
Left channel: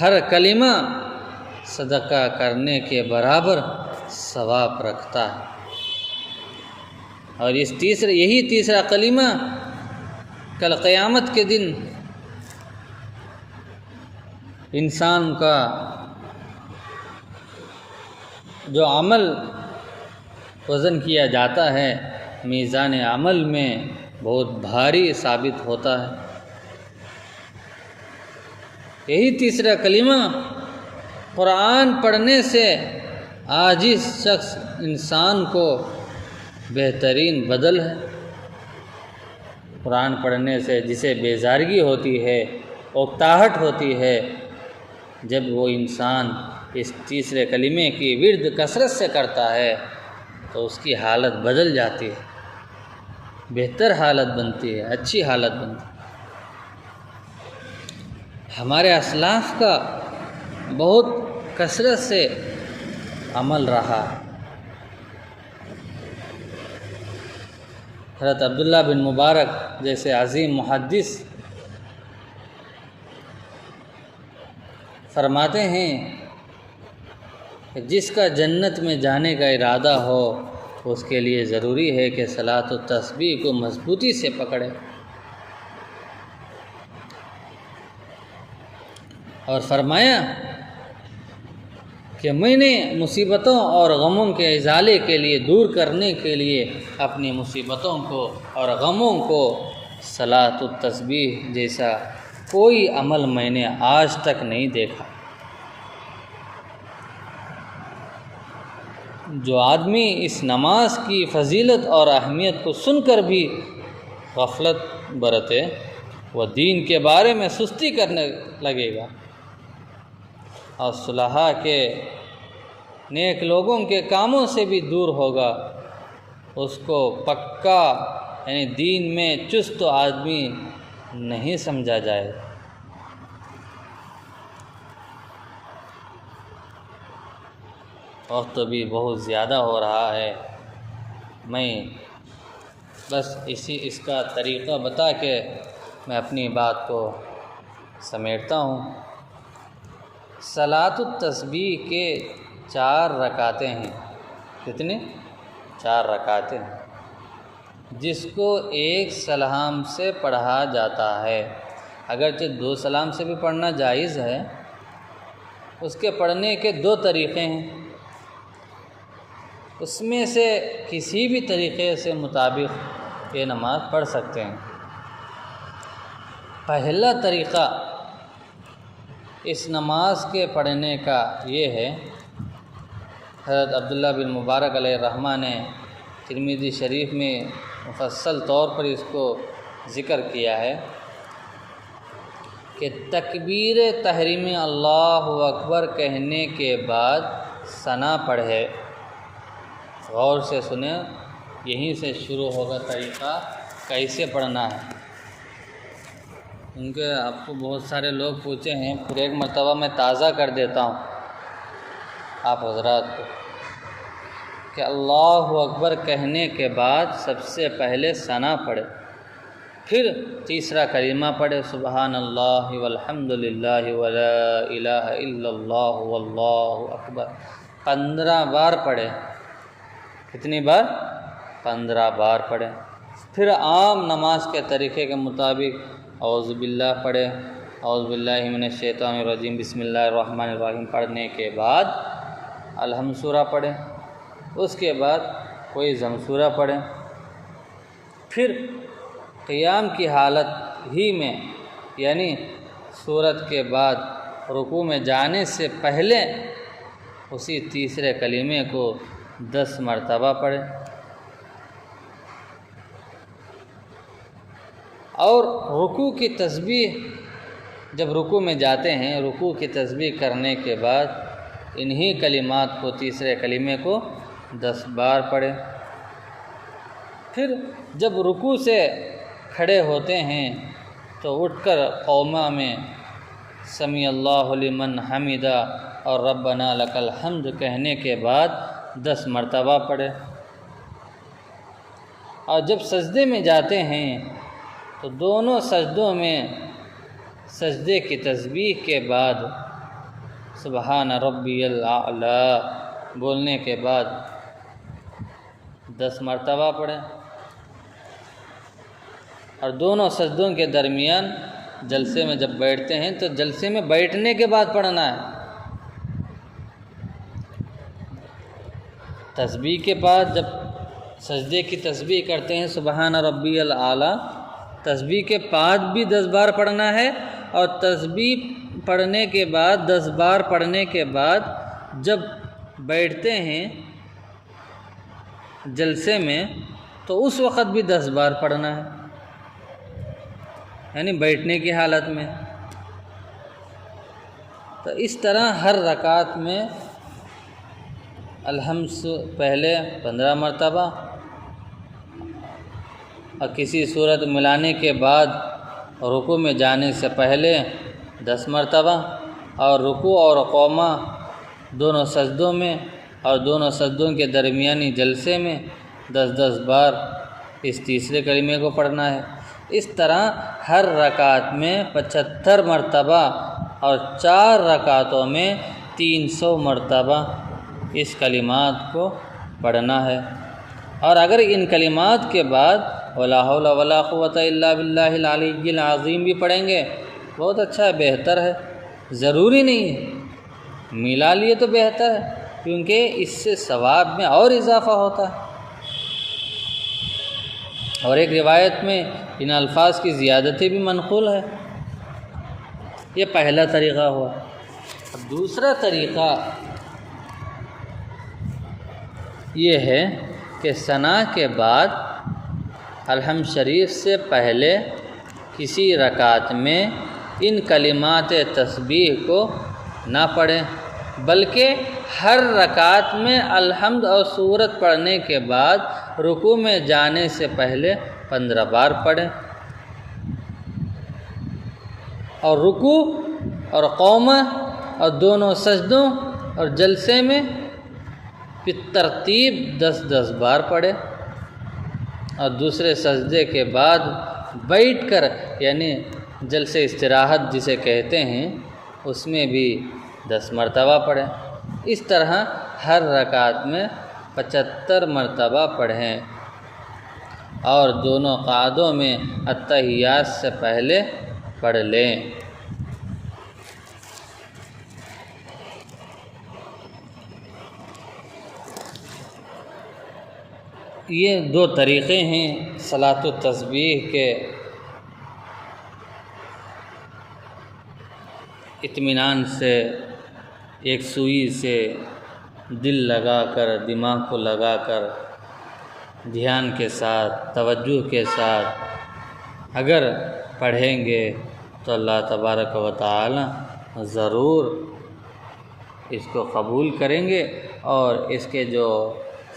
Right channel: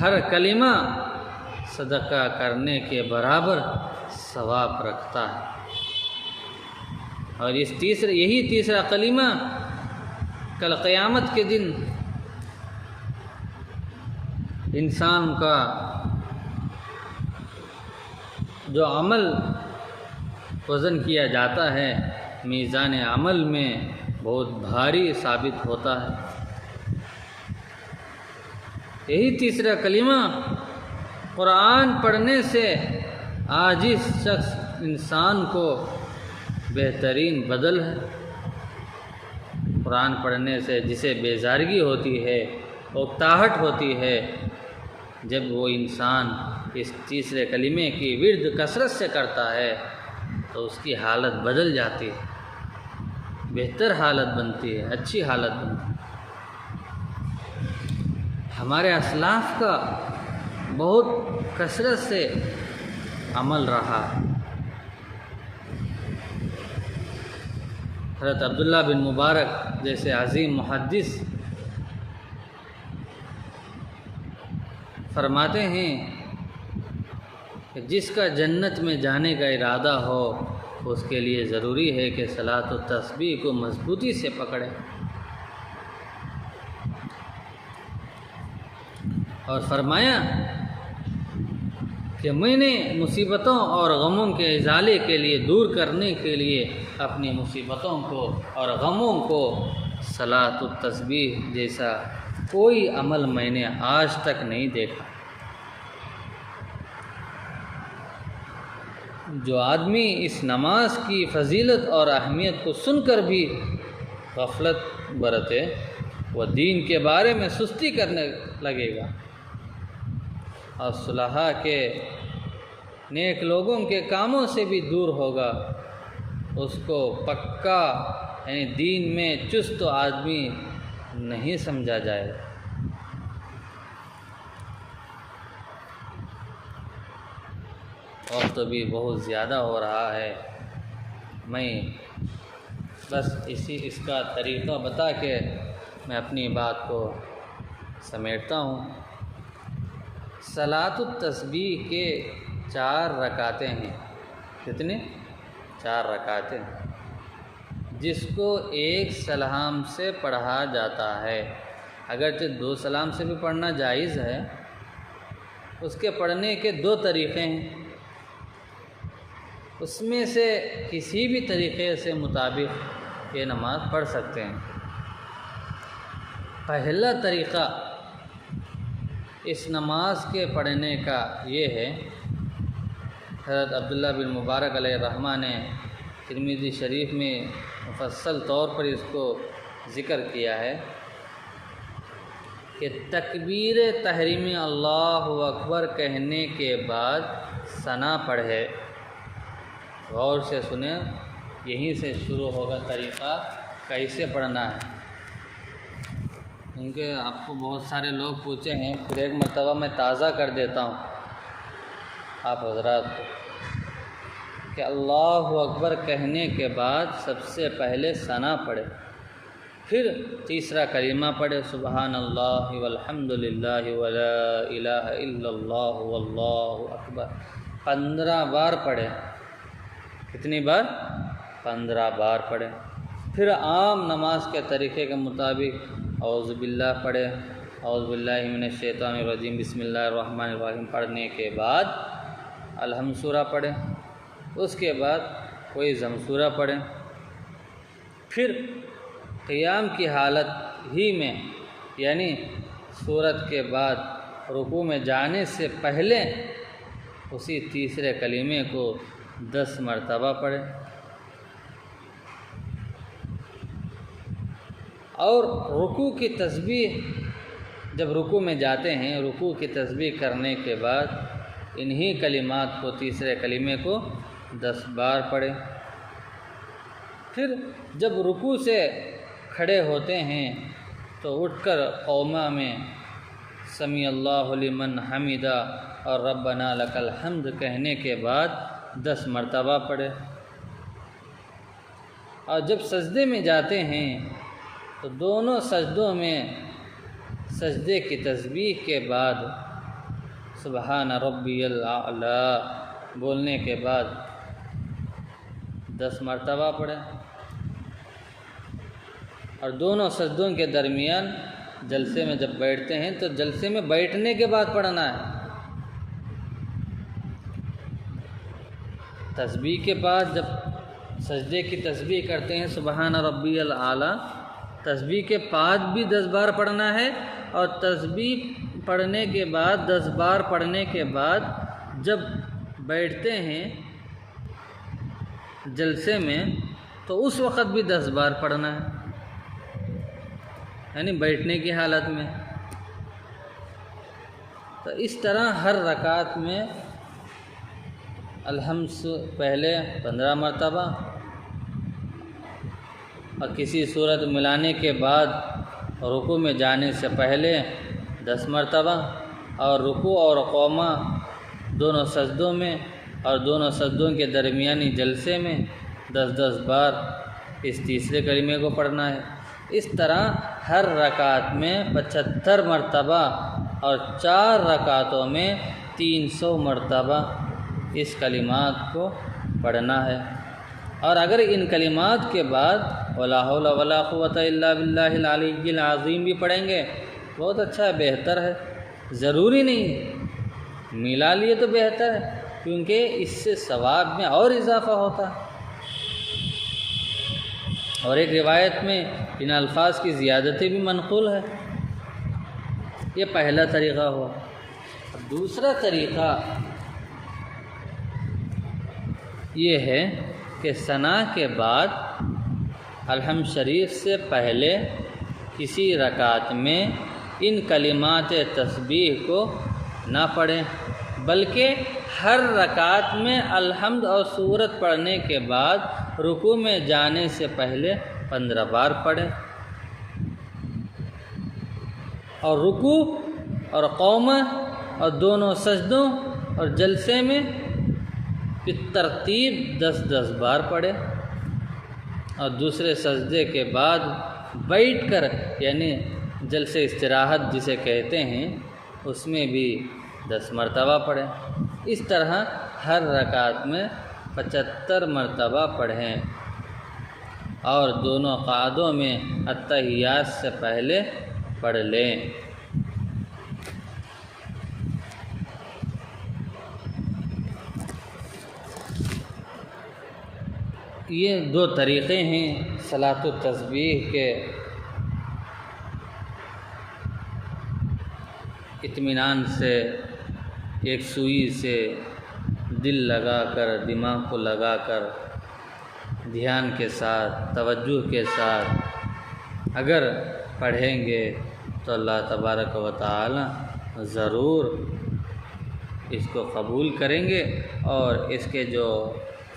ہر کلمہ صدقہ کرنے کے برابر ثواب رکھتا ہے۔ اور یہی تیسرا کلمہ کل قیامت کے دن انسان کا جو عمل وزن کیا جاتا ہے میزان عمل میں بہت بھاری ثابت ہوتا ہے۔ یہی تیسرا کلمہ قرآن پڑھنے سے عاجز شخص انسان کو بہترین بدل ہے۔ قرآن پڑھنے سے جسے بیزارگی ہوتی ہے، اکتاہٹ ہوتی ہے، جب وہ انسان اس تیسرے کلمے کی ورد کثرت سے کرتا ہے تو اس کی حالت بدل جاتی ہے، بہتر حالت بنتی ہے، اچھی حالت بنتی ہے۔ ہمارے اسلاف کا بہت کثرت سے عمل رہا ہے۔ حضرت عبداللہ بن مبارک جیسے عظیم محدث فرماتے ہیں کہ جس کا جنت میں جانے کا ارادہ ہو اس کے لیے ضروری ہے کہ صلاۃ التسبیح کو مضبوطی سے پکڑے، اور فرمایا کہ میں نے مصیبتوں اور غموں کے ازالے کے لیے، دور کرنے کے لیے اپنی مصیبتوں کو اور غموں کو صلاۃ التسبیح جیسا کوئی عمل میں نے آج تک نہیں دیکھا۔ جو آدمی اس نماز کی فضیلت اور اہمیت کو سن کر بھی غفلت برتے وہ دین کے بارے میں سستی کرنے لگے گا، اور صلحاء کے نیک لوگوں کے کاموں سے بھی دور ہوگا، اس کو پکا یعنی دین میں چست آدمی نہیں سمجھا جائے۔ وقت بھی بہت زیادہ ہو رہا ہے، میں بس اس کا طریقہ بتا کے میں اپنی بات کو سمیٹتا ہوں۔ صلاۃ التسبیح کے 4 رکعتیں ہیں۔ کتنے؟ 4 رکعتیں، جس کو ایک سلام سے پڑھا جاتا ہے۔ اگرچہ 2 سلام سے بھی پڑھنا جائز ہے، اس کے پڑھنے کے 2 طریقے ہیں، اس میں سے کسی بھی طریقے سے مطابق یہ نماز پڑھ سکتے ہیں۔ پہلا طریقہ اس نماز کے پڑھنے کا یہ ہے، حضرت عبداللہ بن مبارک علیہ الرحمہ نے ترمذی شریف میں مفصل طور پر اس کو ذکر کیا ہے کہ تکبیر تحریم اللہ اکبر کہنے کے بعد ثنا پڑھے۔ غور سے سنیں، یہیں سے شروع ہوگا طریقہ کیسے پڑھنا ہے، کیونکہ آپ کو بہت سارے لوگ پوچھے ہیں، پھر ایک مرتبہ میں تازہ کر دیتا ہوں آپ حضرات کو کہ اللہ اکبر کہنے کے بعد سب سے پہلے ثنا پڑھے، پھر تیسرا کلمہ پڑھے سبحان اللہ والحمد للہ ولا الہ الا اللہ واللہ اکبر، 15 بار پڑھے۔ کتنی بار؟ 15 بار پڑھے۔ پھر عام نماز کے طریقے کے مطابق اعوذ باللہ پڑھے، اعوذ باللہ من الشیطان الرجیم بسم اللہ الرحمن الرحیم پڑھنے کے بعد الحمد سورہ پڑھے، اس کے بعد کوئی ضم سورہ پڑھے، پھر قیام کی حالت ہی میں یعنی سورت کے بعد رکوع میں جانے سے پہلے اسی تیسرے کلمے کو 10 مرتبہ پڑھے، اور رکوع کی تسبیح جب رکوع میں جاتے ہیں، رکوع کی تسبیح کرنے کے بعد انہی کلمات کو، تیسرے کلمے کو 10 بار پڑھے۔ پھر جب رکوع سے کھڑے ہوتے ہیں تو اٹھ کر قوما میں سمیع اللہ لمن حمدہ اور ربنا لک الحمد کہنے کے بعد 10 مرتبہ پڑھے، اور جب سجدے میں جاتے ہیں تو دونوں سجدوں میں سجدے کی تسبیح کے بعد سبحان ربی الاعلی بولنے کے بعد 10 مرتبہ پڑھیں، اور دونوں سجدوں کے درمیان جلسے میں جب بیٹھتے ہیں تو جلسے میں بیٹھنے کے بعد پڑھنا ہے۔ تسبیح کے بعد جب سجدے کی تسبیح کرتے ہیں سبحان ربی الاعلی، تسبیح کے بعد بھی 10 بار پڑھنا ہے، اور تسبیح پڑھنے کے بعد 10 بار پڑھنے کے بعد جب بیٹھتے ہیں جلسے میں تو اس وقت بھی 10 بار پڑھنا ہے، یعنی بیٹھنے کی حالت میں۔ تو اس طرح ہر رکعت میں الحمد پہلے 15 مرتبہ، اور کسی صورت ملانے کے بعد رکوع میں جانے سے پہلے 10 مرتبہ، اور رکوع اور قوما دونوں سجدوں میں اور دونوں سجدوں کے درمیانی جلسے میں 10 بار اس تیسرے کلمے کو پڑھنا ہے۔ اس طرح ہر رکعت میں 75 مرتبہ اور 4 رکعتوں میں 300 مرتبہ اس کلمات کو پڑھنا ہے۔ اور اگر ان کلمات کے بعد ولا حول ولا قوت الا باللہ العلی العظیم بھی پڑھیں گے بہت اچھا ہے، بہتر ہے، ضروری نہیں ہے، ملا لیے تو بہتر ہے، کیونکہ اس سے ثواب میں اور اضافہ ہوتا ہے۔ اور ایک روایت میں ان الفاظ کی زیادتی بھی منقول ہے۔ یہ پہلا طریقہ ہوا۔ دوسرا طریقہ یہ ہے کہ ثنا کے بعد الحمد شریف سے پہلے کسی رکعت میں ان کلمات تسبیح کو نہ پڑھیں، بلکہ ہر رکعت میں الحمد اور سورت پڑھنے کے بعد رکوع میں جانے سے پہلے 15 بار پڑھیں، اور رکوع اور قومہ اور دونوں سجدوں اور جلسے میں بالترتیب 10 بار پڑھے۔ اور دوسرے سجدے کے بعد بیٹھ کر یعنی جلسے استراحت جسے کہتے ہیں اس میں بھی 10 مرتبہ پڑھیں۔ اس طرح ہر رکعت میں 75 مرتبہ پڑھیں اور دونوں قعدوں میں التحیات سے پہلے پڑھ لیں۔ یہ 2 طریقے ہیں صلاۃ التسبیح کے اطمینان سے، ایک سوئی سے دل لگا کر، دماغ کو لگا کر، دھیان کے ساتھ، توجہ کے ساتھ اگر پڑھیں گے تو اللہ تبارک و تعالی ضرور اس کو قبول کریں گے، اور اس کے جو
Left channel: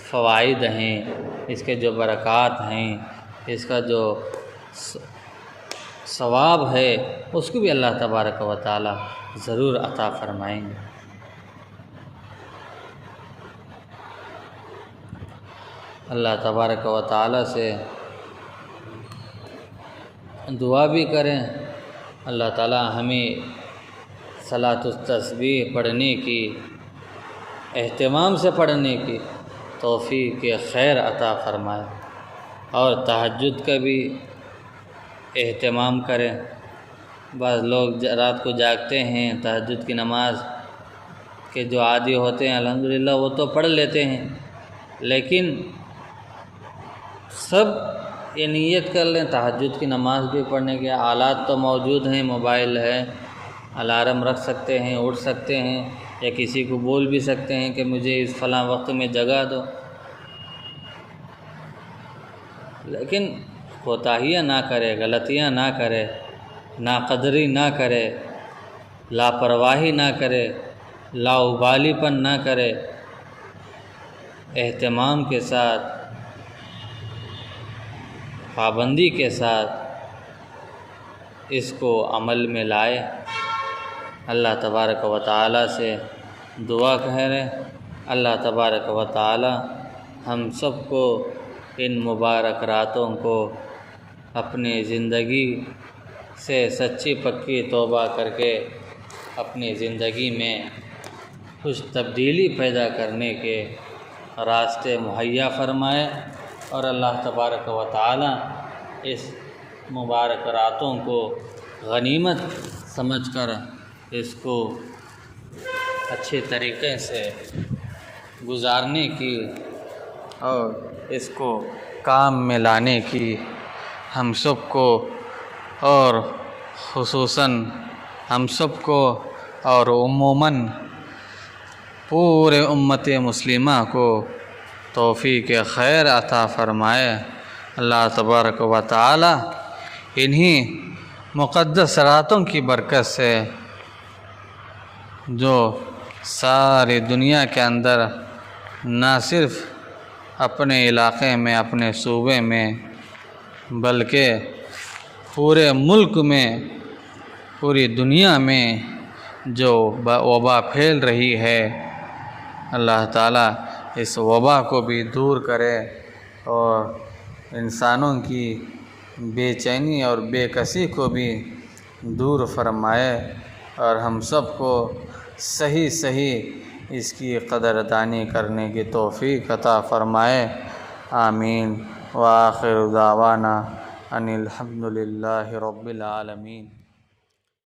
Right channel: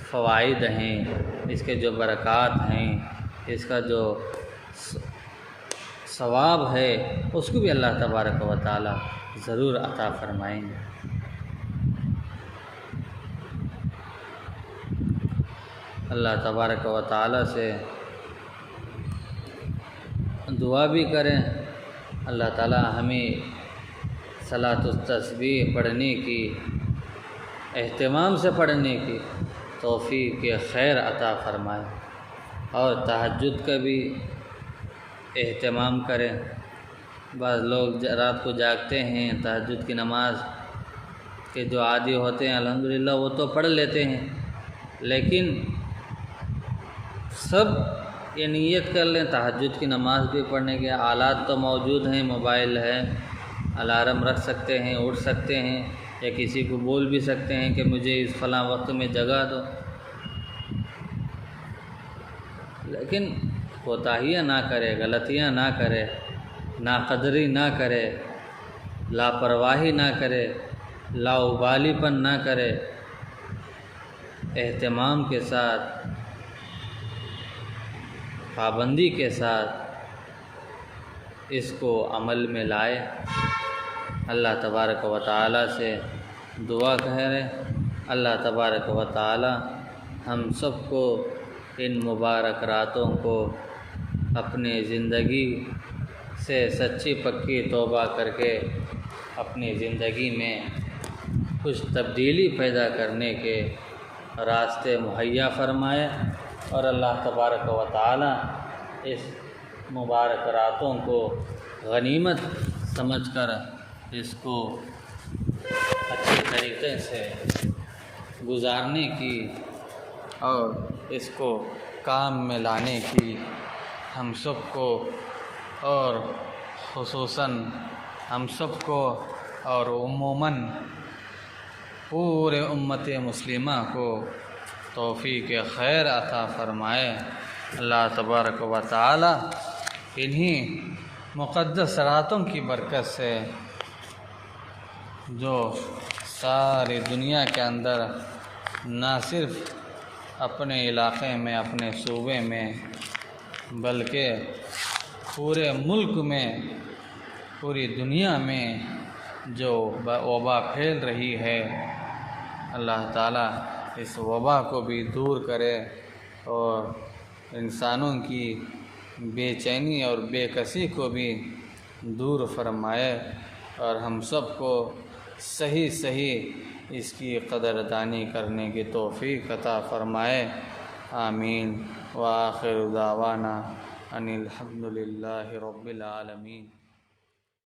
فوائد ہیں، اس کے جو برکات ہیں، اس کا جو ثواب ہے، اس کو بھی اللہ تبارک و تعالی ضرور عطا فرمائیں گے۔ اللہ تبارک و تعالی سے دعا بھی کریں، اللہ تعالی ہمیں صلاۃ التسبیح پڑھنے کی، اہتمام سے پڑھنے کی توفیق خیر عطا فرمائے، اور تہجد کا بھی اہتمام کریں۔ بعض لوگ رات کو جاگتے ہیں، تہجد کی نماز کے جو عادی ہوتے ہیں الحمدللہ وہ تو پڑھ لیتے ہیں، لیکن سب یہ نیت کر لیں تہجد کی نماز بھی پڑھنے کے آلات تو موجود ہیں، موبائل ہے، الارم رکھ سکتے ہیں، اٹھ سکتے ہیں، یا کسی کو بول بھی سکتے ہیں کہ مجھے اس فلاں وقت میں جگا دو، لیکن کوتاہیاں نہ کرے، غلطیاں نہ کرے، ناقدری نہ کرے، لاپرواہی نہ کرے، لاابالی پن نہ کرے، اہتمام کے ساتھ، پابندی کے ساتھ اس کو عمل میں لائے۔ اللہ تبارک و تعالی سے دعا کریں، اللہ تبارک و تعالی ہم سب کو ان مبارک راتوں کو اپنی زندگی سے سچی پکی توبہ کر کے اپنی زندگی میں کچھ تبدیلی پیدا کرنے کے راستے مہیا فرمائے، اور اللہ تبارک و تعالی اس مبارک راتوں کو غنیمت سمجھ کر اس کو اچھے طریقے سے گزارنے کی اور اس کو کام میں لانے کی ہم سب کو، اور خصوصاً ہم سب کو اور عموماً پورے امت مسلمہ کو توفیق خیر عطا فرمائے۔ اللہ تبارک و تعالی انہی مقدس راتوں کی برکت سے جو ساری دنیا کے اندر نہ صرف اپنے علاقے میں، اپنے صوبے میں، بلکہ پورے ملک میں، پوری دنیا میں جو وبا پھیل رہی ہے، اللہ تعالیٰ اس وبا کو بھی دور کرے اور انسانوں کی بے چینی اور بے کسی کو بھی دور فرمائے، اور ہم سب کو صحیح اس کی قدردانی کرنے کی توفیق عطا فرمائے۔ آمین۔ وآخر دعوانا ان الحمد للہ رب العالمین۔